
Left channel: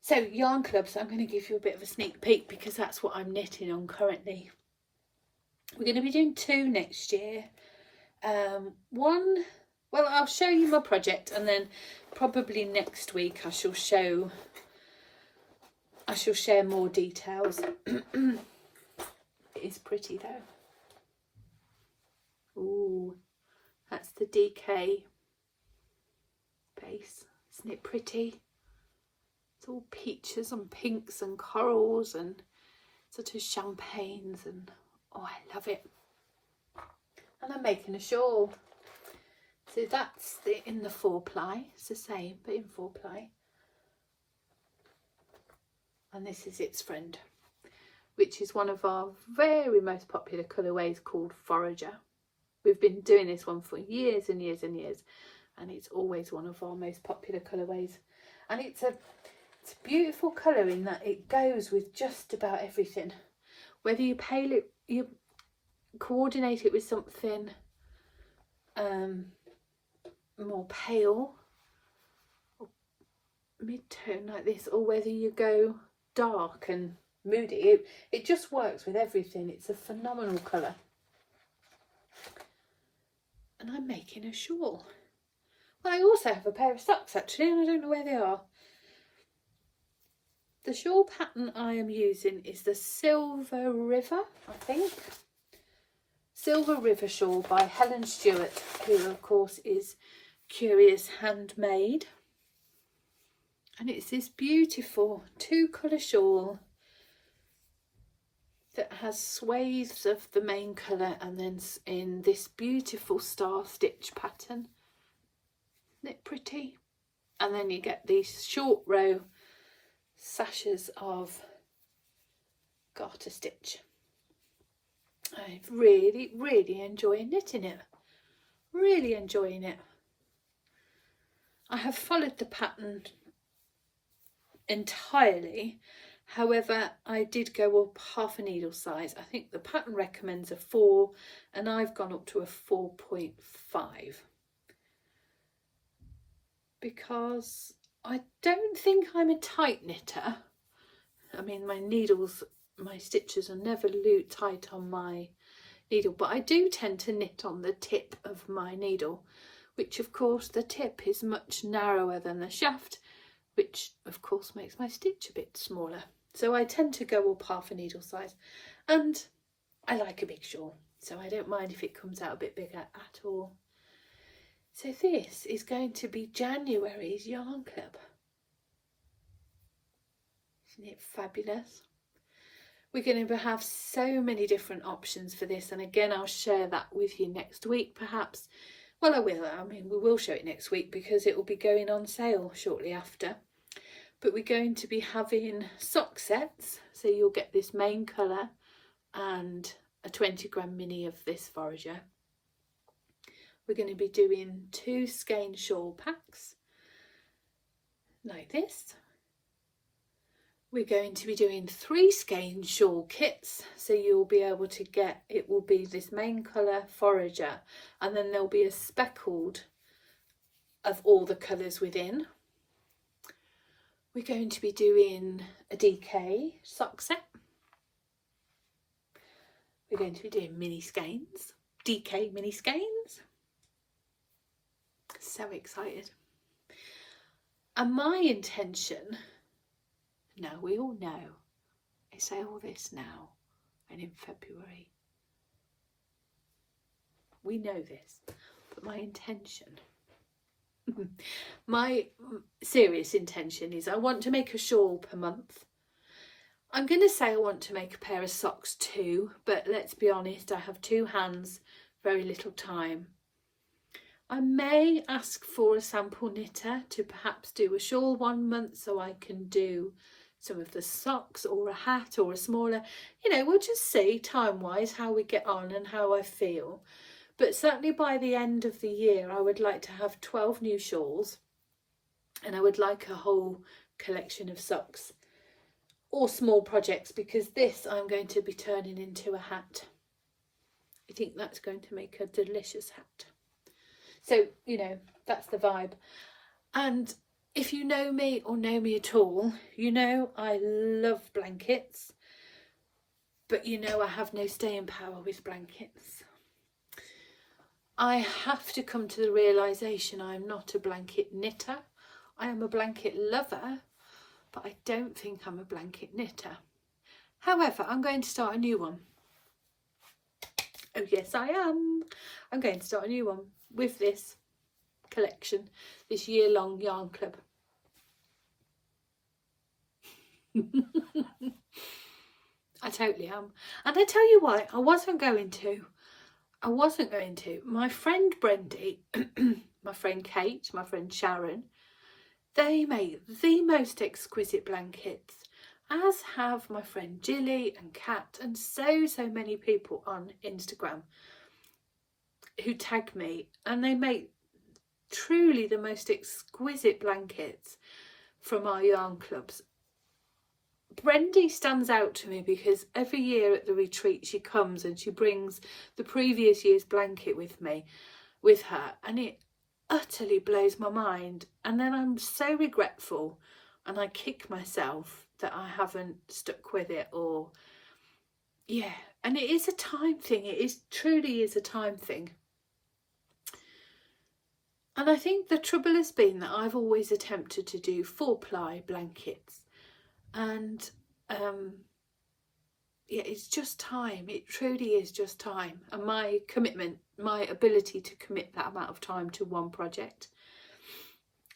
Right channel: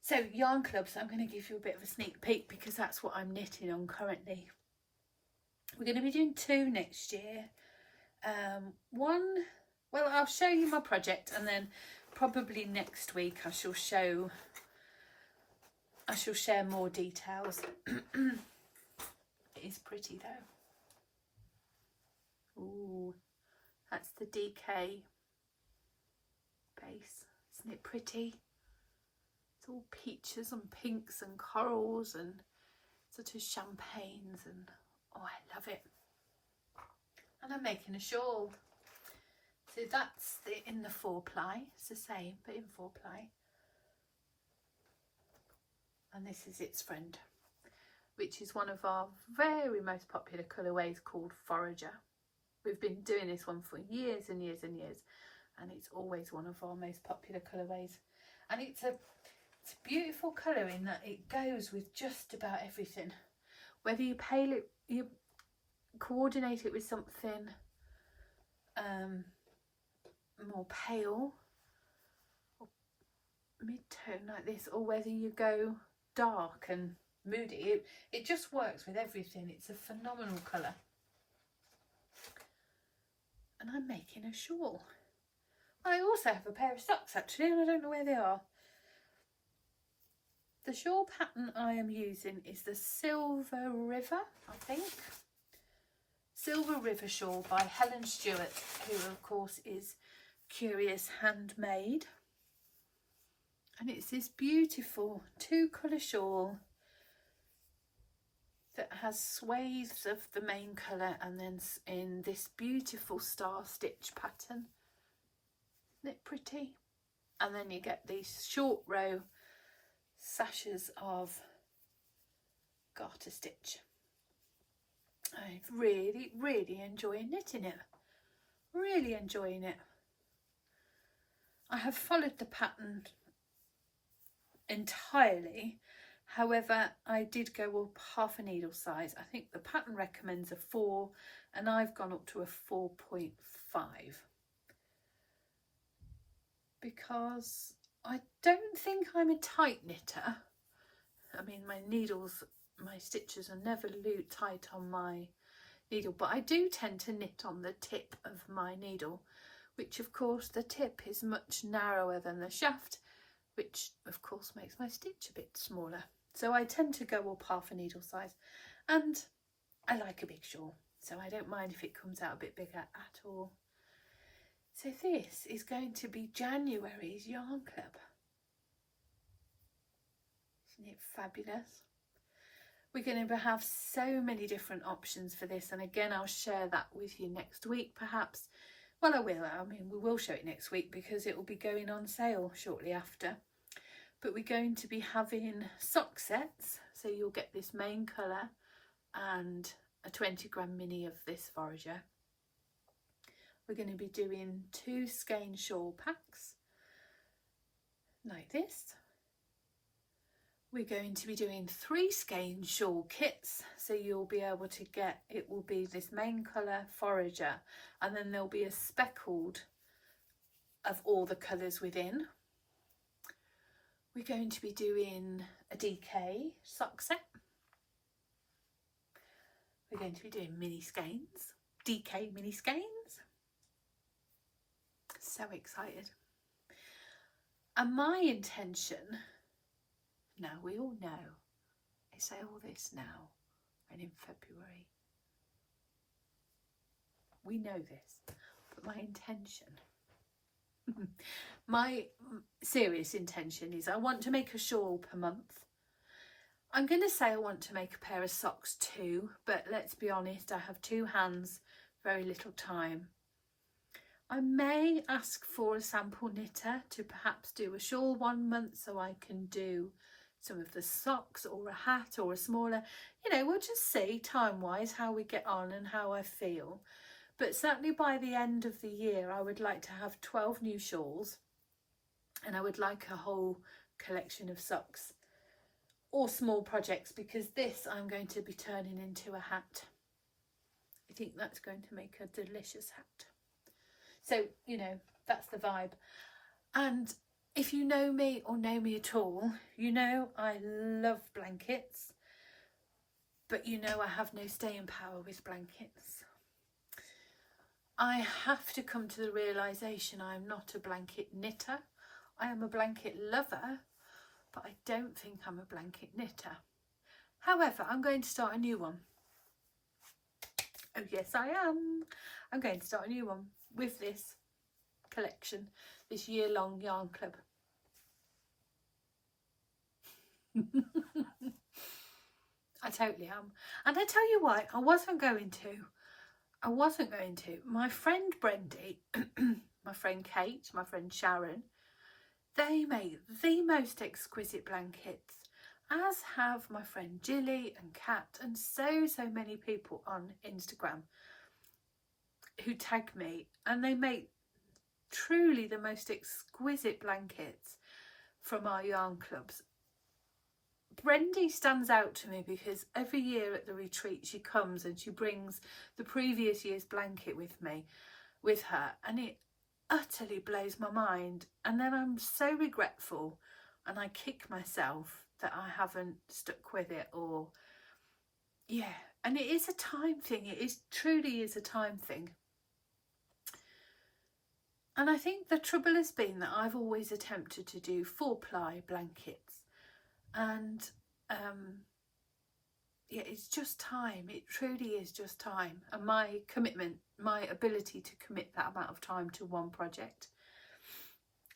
So yarn clubs, I'm going to give you a bit of a sneak peek because that's what I'm knitting on currently. We're going to be doing 2 next year. One, well, I'll show you my project, and then probably next week I shall share more details. It is pretty though. Ooh, that's the DK base. Isn't it pretty? It's all peaches and pinks and corals and sort of champagnes, and oh, I love it. And I'm making a shawl. So that's in the 4-ply. It's the same, but in 4-ply. And this is its friend, which is one of our very most popular colourways called Forager. We've been doing this one for years and years and years, and it's always one of our most popular colourways. And it's a beautiful colour in that it goes with just about everything. Whether you coordinate it with something more pale or mid-tone like this, or whether you go dark and moody, it just works with everything. It's a phenomenal colour. And I'm making a shawl. I also have a pair of socks actually, and I don't know where they are. The shawl pattern I am using is the Silver River, I think. Silver River shawl by Helen Stewart, who of course is Curious Handmade. And it's this beautiful 2-colour shawl that has swathes of the main colour and then in this beautiful star stitch pattern. Isn't it pretty? And then you get these short row sashes of garter stitch. I'm really enjoying knitting it. Really enjoying it. I have followed the pattern entirely. However, I did go up half a needle size. I think the pattern recommends a 4 and I've gone up to a 4.5 because I don't think I'm a tight knitter. I mean, my needles, my stitches are never tight on my needle, but I do tend to knit on the tip of my needle, which of course the tip is much narrower than the shaft, which of course makes my stitch a bit smaller. So I tend to go up half a needle size, and I like a big shawl, so I don't mind if it comes out a bit bigger at all. So this is going to be January's yarn club. Isn't it fabulous? We're going to have so many different options for this, and again I'll share that with you next week perhaps. Well, I will. I mean, we will show it next week because it will be going on sale shortly after. But we're going to be having sock sets, so you'll get this main colour and a 20-gram mini of this forager. We're going to be doing 2 skein shawl packs like this. We're going to be doing 3 skein shawl kits, so you'll be able to get, it will be this main colour forager, and then there'll be a speckled of all the colours within. We're going to be doing a DK sock set. We're going to be doing mini skeins, DK mini skeins. So excited. And my intention, now we all know, I say all this now and in February. We know this, but my intention, my serious intention is I want to make a shawl per month. I'm going to say I want to make a pair of socks too, but let's be honest, I have 2 hands, very little time. I may ask for a sample knitter to perhaps do a shawl 1 month so I can do some of the socks or a hat or a smaller, you know, we'll just see time wise how we get on and how I feel. But certainly by the end of the year I would like to have 12 new shawls, and I would like a whole collection of socks or small projects, because this I'm going to be turning into a hat. I think that's going to make a delicious hat. So, you know, that's the vibe. And if you know me or know me at all, you know I love blankets, but you know I have no staying power with blankets. I have to come to the realisation I'm not a blanket knitter. I am a blanket lover, but I don't think I'm a blanket knitter. However, I'm going to start a new one. Oh yes, I am. I'm going to start a new one with this collection, this year-long yarn club. I totally am. And I tell you why, I wasn't going to. My friend Brendy, my friend Kate, my friend Sharon, they make the most exquisite blankets, as have my friend Jilly and Kat and so many people on Instagram who tag me, and they make truly the most exquisite blankets from our yarn clubs. Brendy stands out to me because every year at the retreat she comes and she brings the previous year's blanket with her, and it utterly blows my mind, and then I'm so regretful and I kick myself that I haven't stuck with it. Or yeah, and it is a time thing, it is truly is a time thing. And I think the trouble has been that I've always attempted to do 4-ply blankets, and yeah, it's just time. It truly is just time, and my commitment, my ability to commit that amount of time to one project.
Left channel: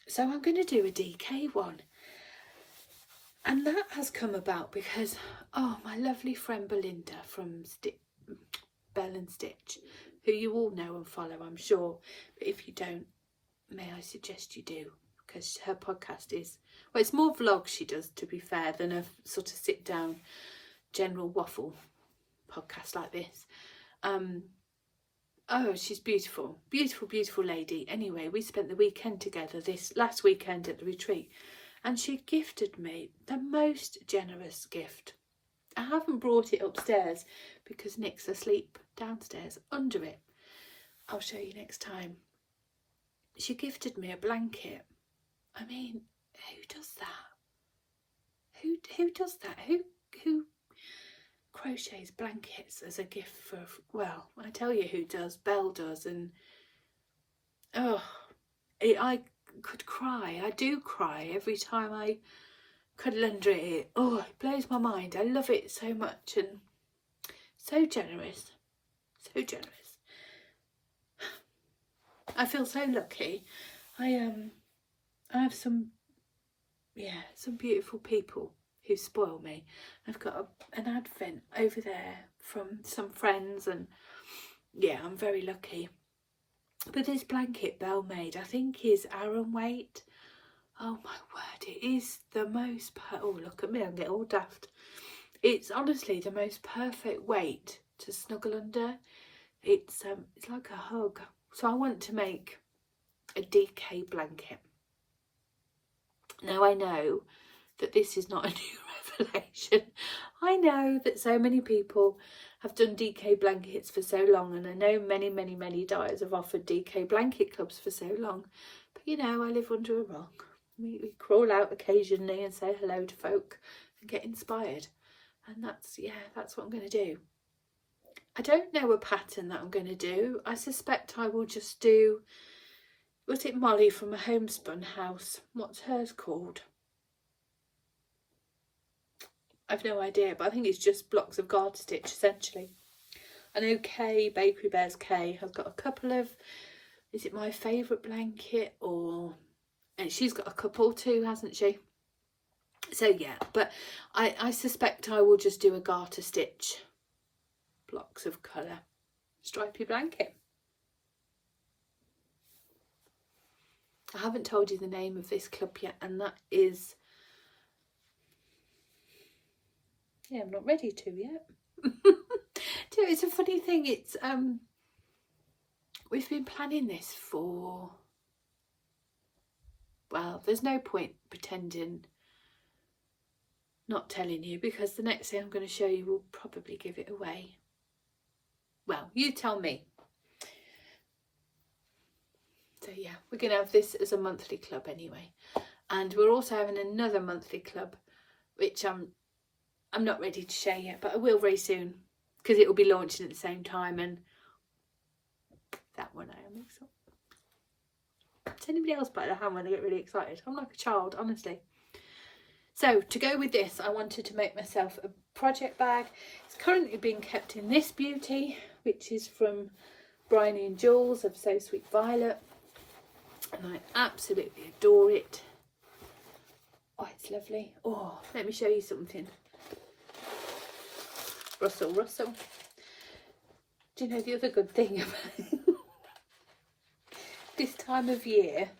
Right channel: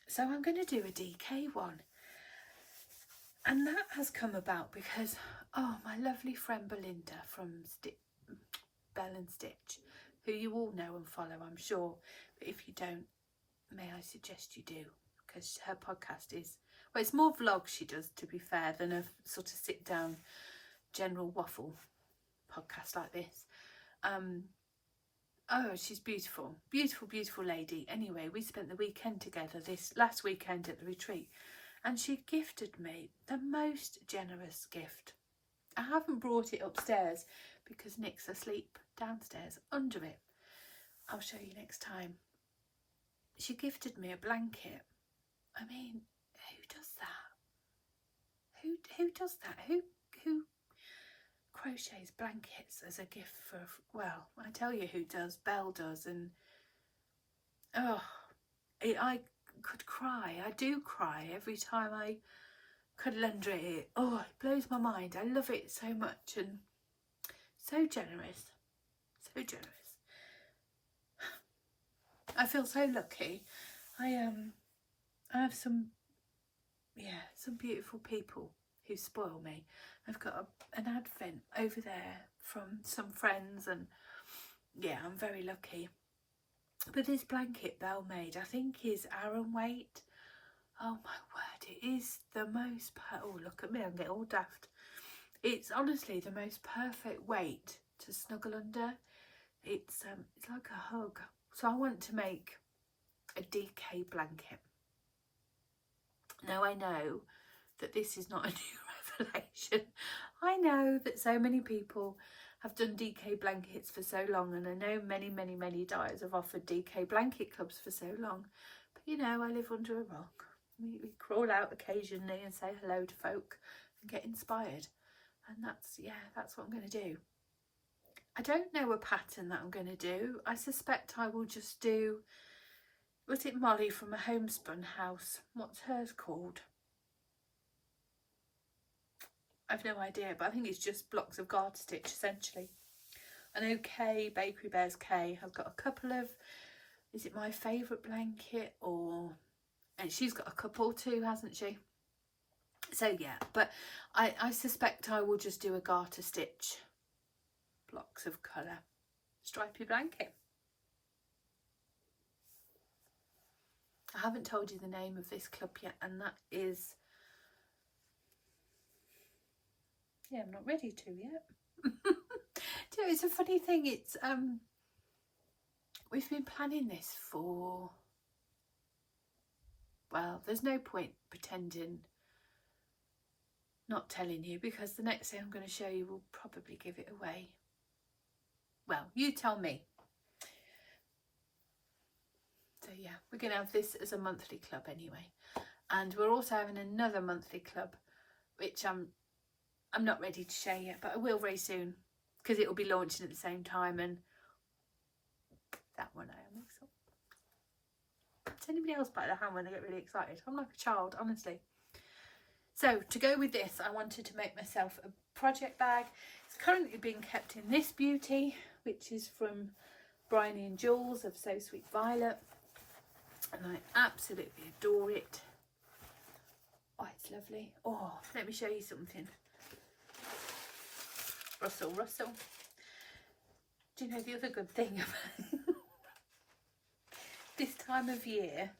So I'm going to do a DK one, and that has come about because, oh, my lovely friend Belinda from Bell and Stitch, who you all know and follow, I'm sure, but if you don't, may I suggest you do, because her podcast is, well, it's more vlogs she does, to be fair, than a sort of sit down general waffle podcast like this. Oh, she's beautiful, beautiful, beautiful lady. Anyway, we spent the weekend together this last weekend at the retreat, and she gifted me the most generous gift. I haven't brought it upstairs because Nick's asleep downstairs under it. I'll show you next time. She gifted me a blanket. I mean, who does that? Who does that? Who crochets blankets as a gift for, well, I tell you who does. Belle does. And oh, I could cry. I do cry every time I cuddle under it. Oh, it blows my mind. I love it so much, and so generous, so generous. I feel so lucky. I have some beautiful people who spoil me. I've got an advent over there from some friends, and yeah, I'm very lucky. But this blanket Belle made, I think, is Aran weight. Oh my word, it is the most, oh look at me, I'm getting all daft. It's honestly the most perfect weight to snuggle under. It's like a hug. So I want to make a DK blanket. Now I know that this is not a new revelation. I know that so many people have done DK blankets for so long, and I know many dyers have offered DK blanket clubs for so long. But you know, I live under a rock. We crawl out occasionally and say hello to folk and get inspired, and that's what I'm going to do. I don't know a pattern that I'm going to do. I suspect I will just do, was it Molly from a homespun house? What's hers called? I've no idea, but I think it's just blocks of garter stitch essentially. I know Kay, Bakery Bears Kay, has got a couple of, is it My Favourite Blanket, or, and she's got a couple too, hasn't she? So yeah, but I suspect I will just do a garter stitch, blocks of colour, stripy blanket. I haven't told you the name of this club yet, and that is, yeah, I'm not ready to yet. It's a funny thing, it's we've been planning this for, well, there's no point pretending not telling you, because the next thing I'm going to show you will probably give it away. Well, you tell me. So yeah, we're going to have this as a monthly club anyway, and we're also having another monthly club, which I'm not ready to share yet, but I will very soon, because it will be launching at the same time, and that one I am excited. Does anybody else bite their hand when they get really excited? I'm like a child, honestly. So to go with this, I wanted to make myself a project bag. It's currently being kept in this beauty, which is from Bryony and Jules of So Sweet Violet, and I absolutely adore it. Oh, it's lovely. Oh, let me show you something. Rustle, rustle. Do you know the other good thing about this time of year,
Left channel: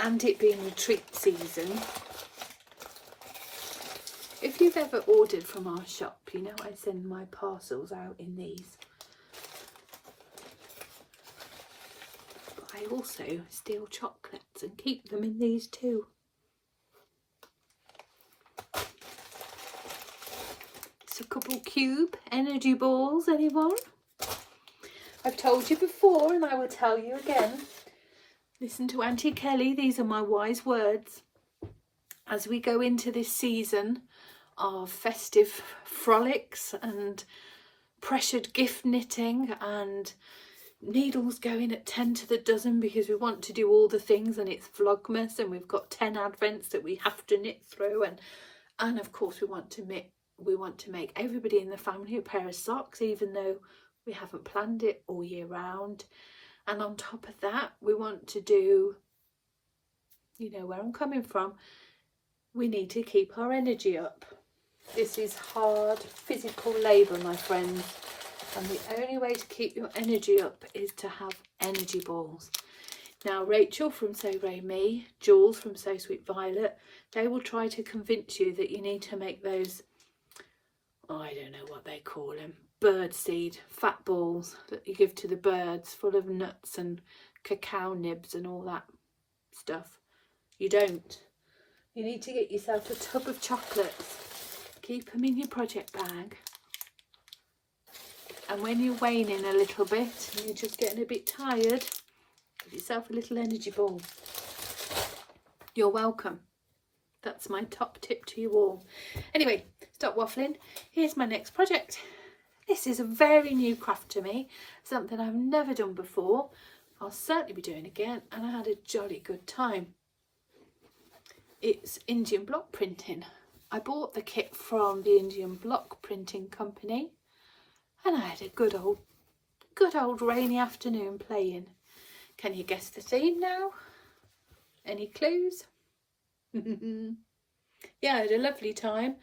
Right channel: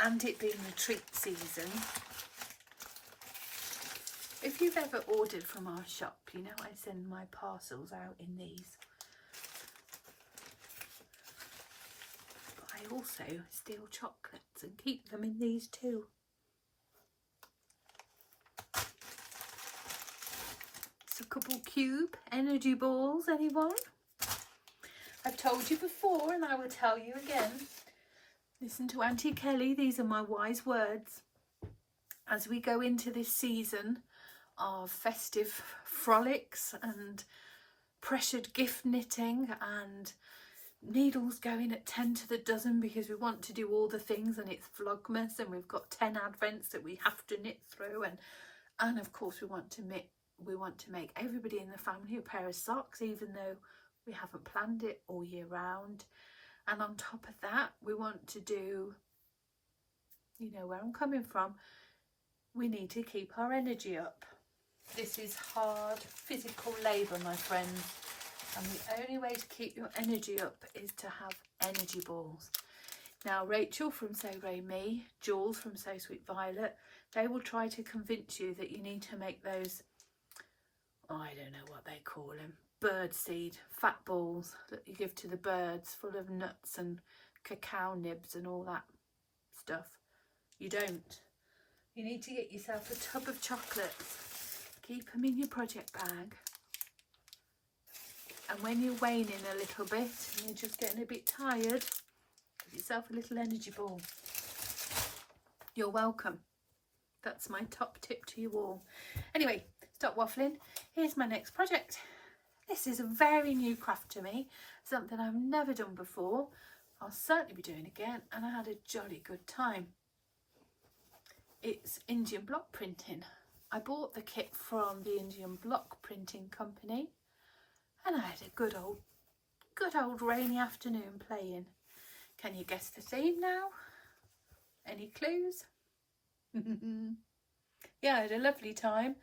and it being retreat season? If you've ever ordered from our shop, you know I send my parcels out in these. But I also steal chocolates and keep them in these too. It's a couple cube energy balls, anyone? I've told you before, and I will tell you again. Listen to Auntie Kelly, these are my wise words. As we go into this season of festive frolics and pressured gift knitting and needles going at 10 to the dozen because we want to do all the things, and it's Vlogmas and we've got 10 advents that we have to knit through, and of course we want to make everybody in the family a pair of socks, even though we haven't planned it all year round. And on top of that, we want to do, you know where I'm coming from, we need to keep our energy up. This is hard physical labour, my friends, and the only way to keep your energy up is to have energy balls. Now, Rachel from So Very Me, Jules from So Sweet Violet, they will try to convince you that you need to make those, I don't know what they call them, bird seed, fat balls that you give to the birds, full of nuts and cacao nibs and all that stuff. You don't. You need to get yourself a tub of chocolates, keep them in your project bag, and when you're waning a little bit and you're just getting a bit tired, give yourself a little energy ball. You're welcome. That's my top tip to you all. Anyway, stop waffling. Here's my next project. This is a very new craft to me, something I've never done before. I'll certainly be doing again, and I had a jolly good time. It's Indian block printing. I bought the kit from the Indian block printing company, and I had a good old rainy afternoon playing. Can you guess the theme now? Any clues? Yeah, I had a lovely time.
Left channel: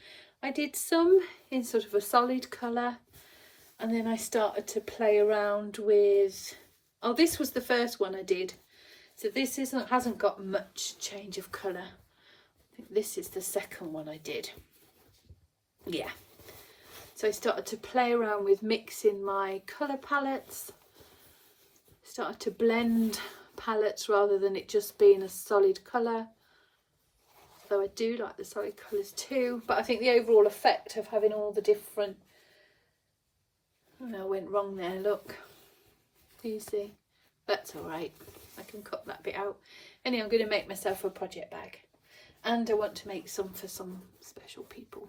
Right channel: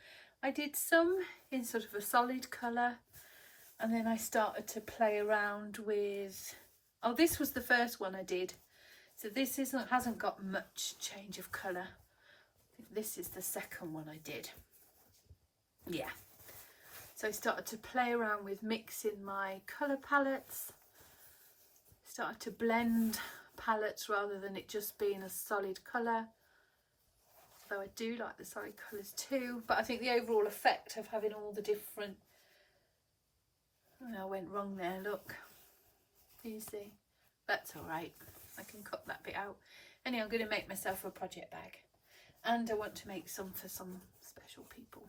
I did some in sort of a solid colour, and then I started to play around with, oh, this was the first one I did, so this hasn't got much change of colour. I think this is the second one I did. Yeah, so I started to play around with mixing my colour palettes, started to blend palettes rather than it just being a solid colour, though I do like the solid colours too, but I think the overall effect of having all the different, oh, I went wrong there, look, you see, that's all right, I can cut that bit out. Anyway, I'm going to make myself a project bag, and I want to make some for some special people.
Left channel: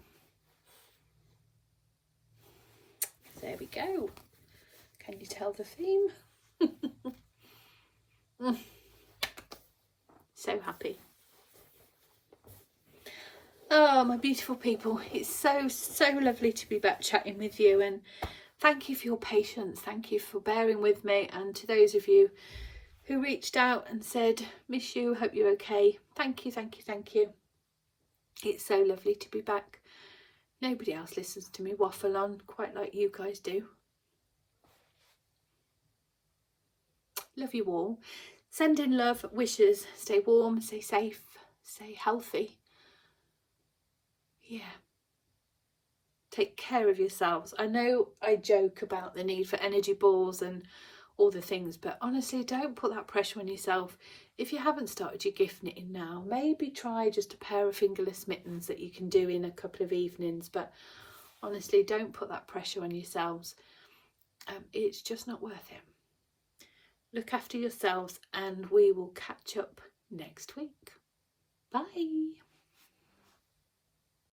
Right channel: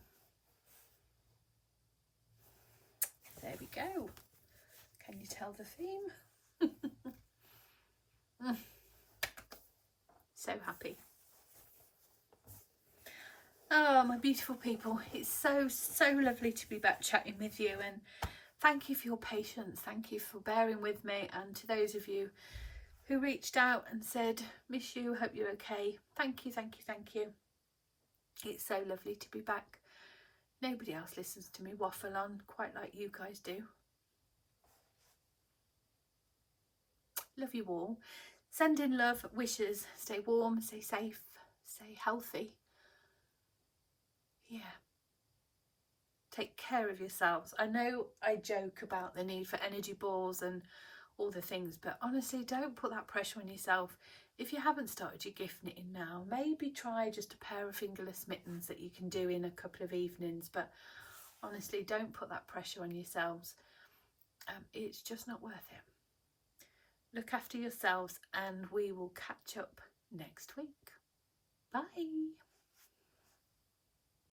There we go. Can you tell the theme? So happy. Oh, my beautiful people, it's so lovely to be back chatting with you, and thank you for your patience, thank you for bearing with me, and to those of you who reached out and said, miss you, hope you're okay, thank you. It's so lovely to be back. Nobody else listens to me waffle on quite like you guys do. Love you all. Send in love, wishes, stay warm, stay safe, stay healthy. Yeah. Take care of yourselves. I know I joke about the need for energy balls and all the things, but honestly, don't put that pressure on yourself. If you haven't started your gift knitting now, maybe try just a pair of fingerless mittens that you can do in a couple of evenings, but honestly, don't put that pressure on yourselves. It's just not worth it. Look after yourselves, and we will catch up next week. Bye.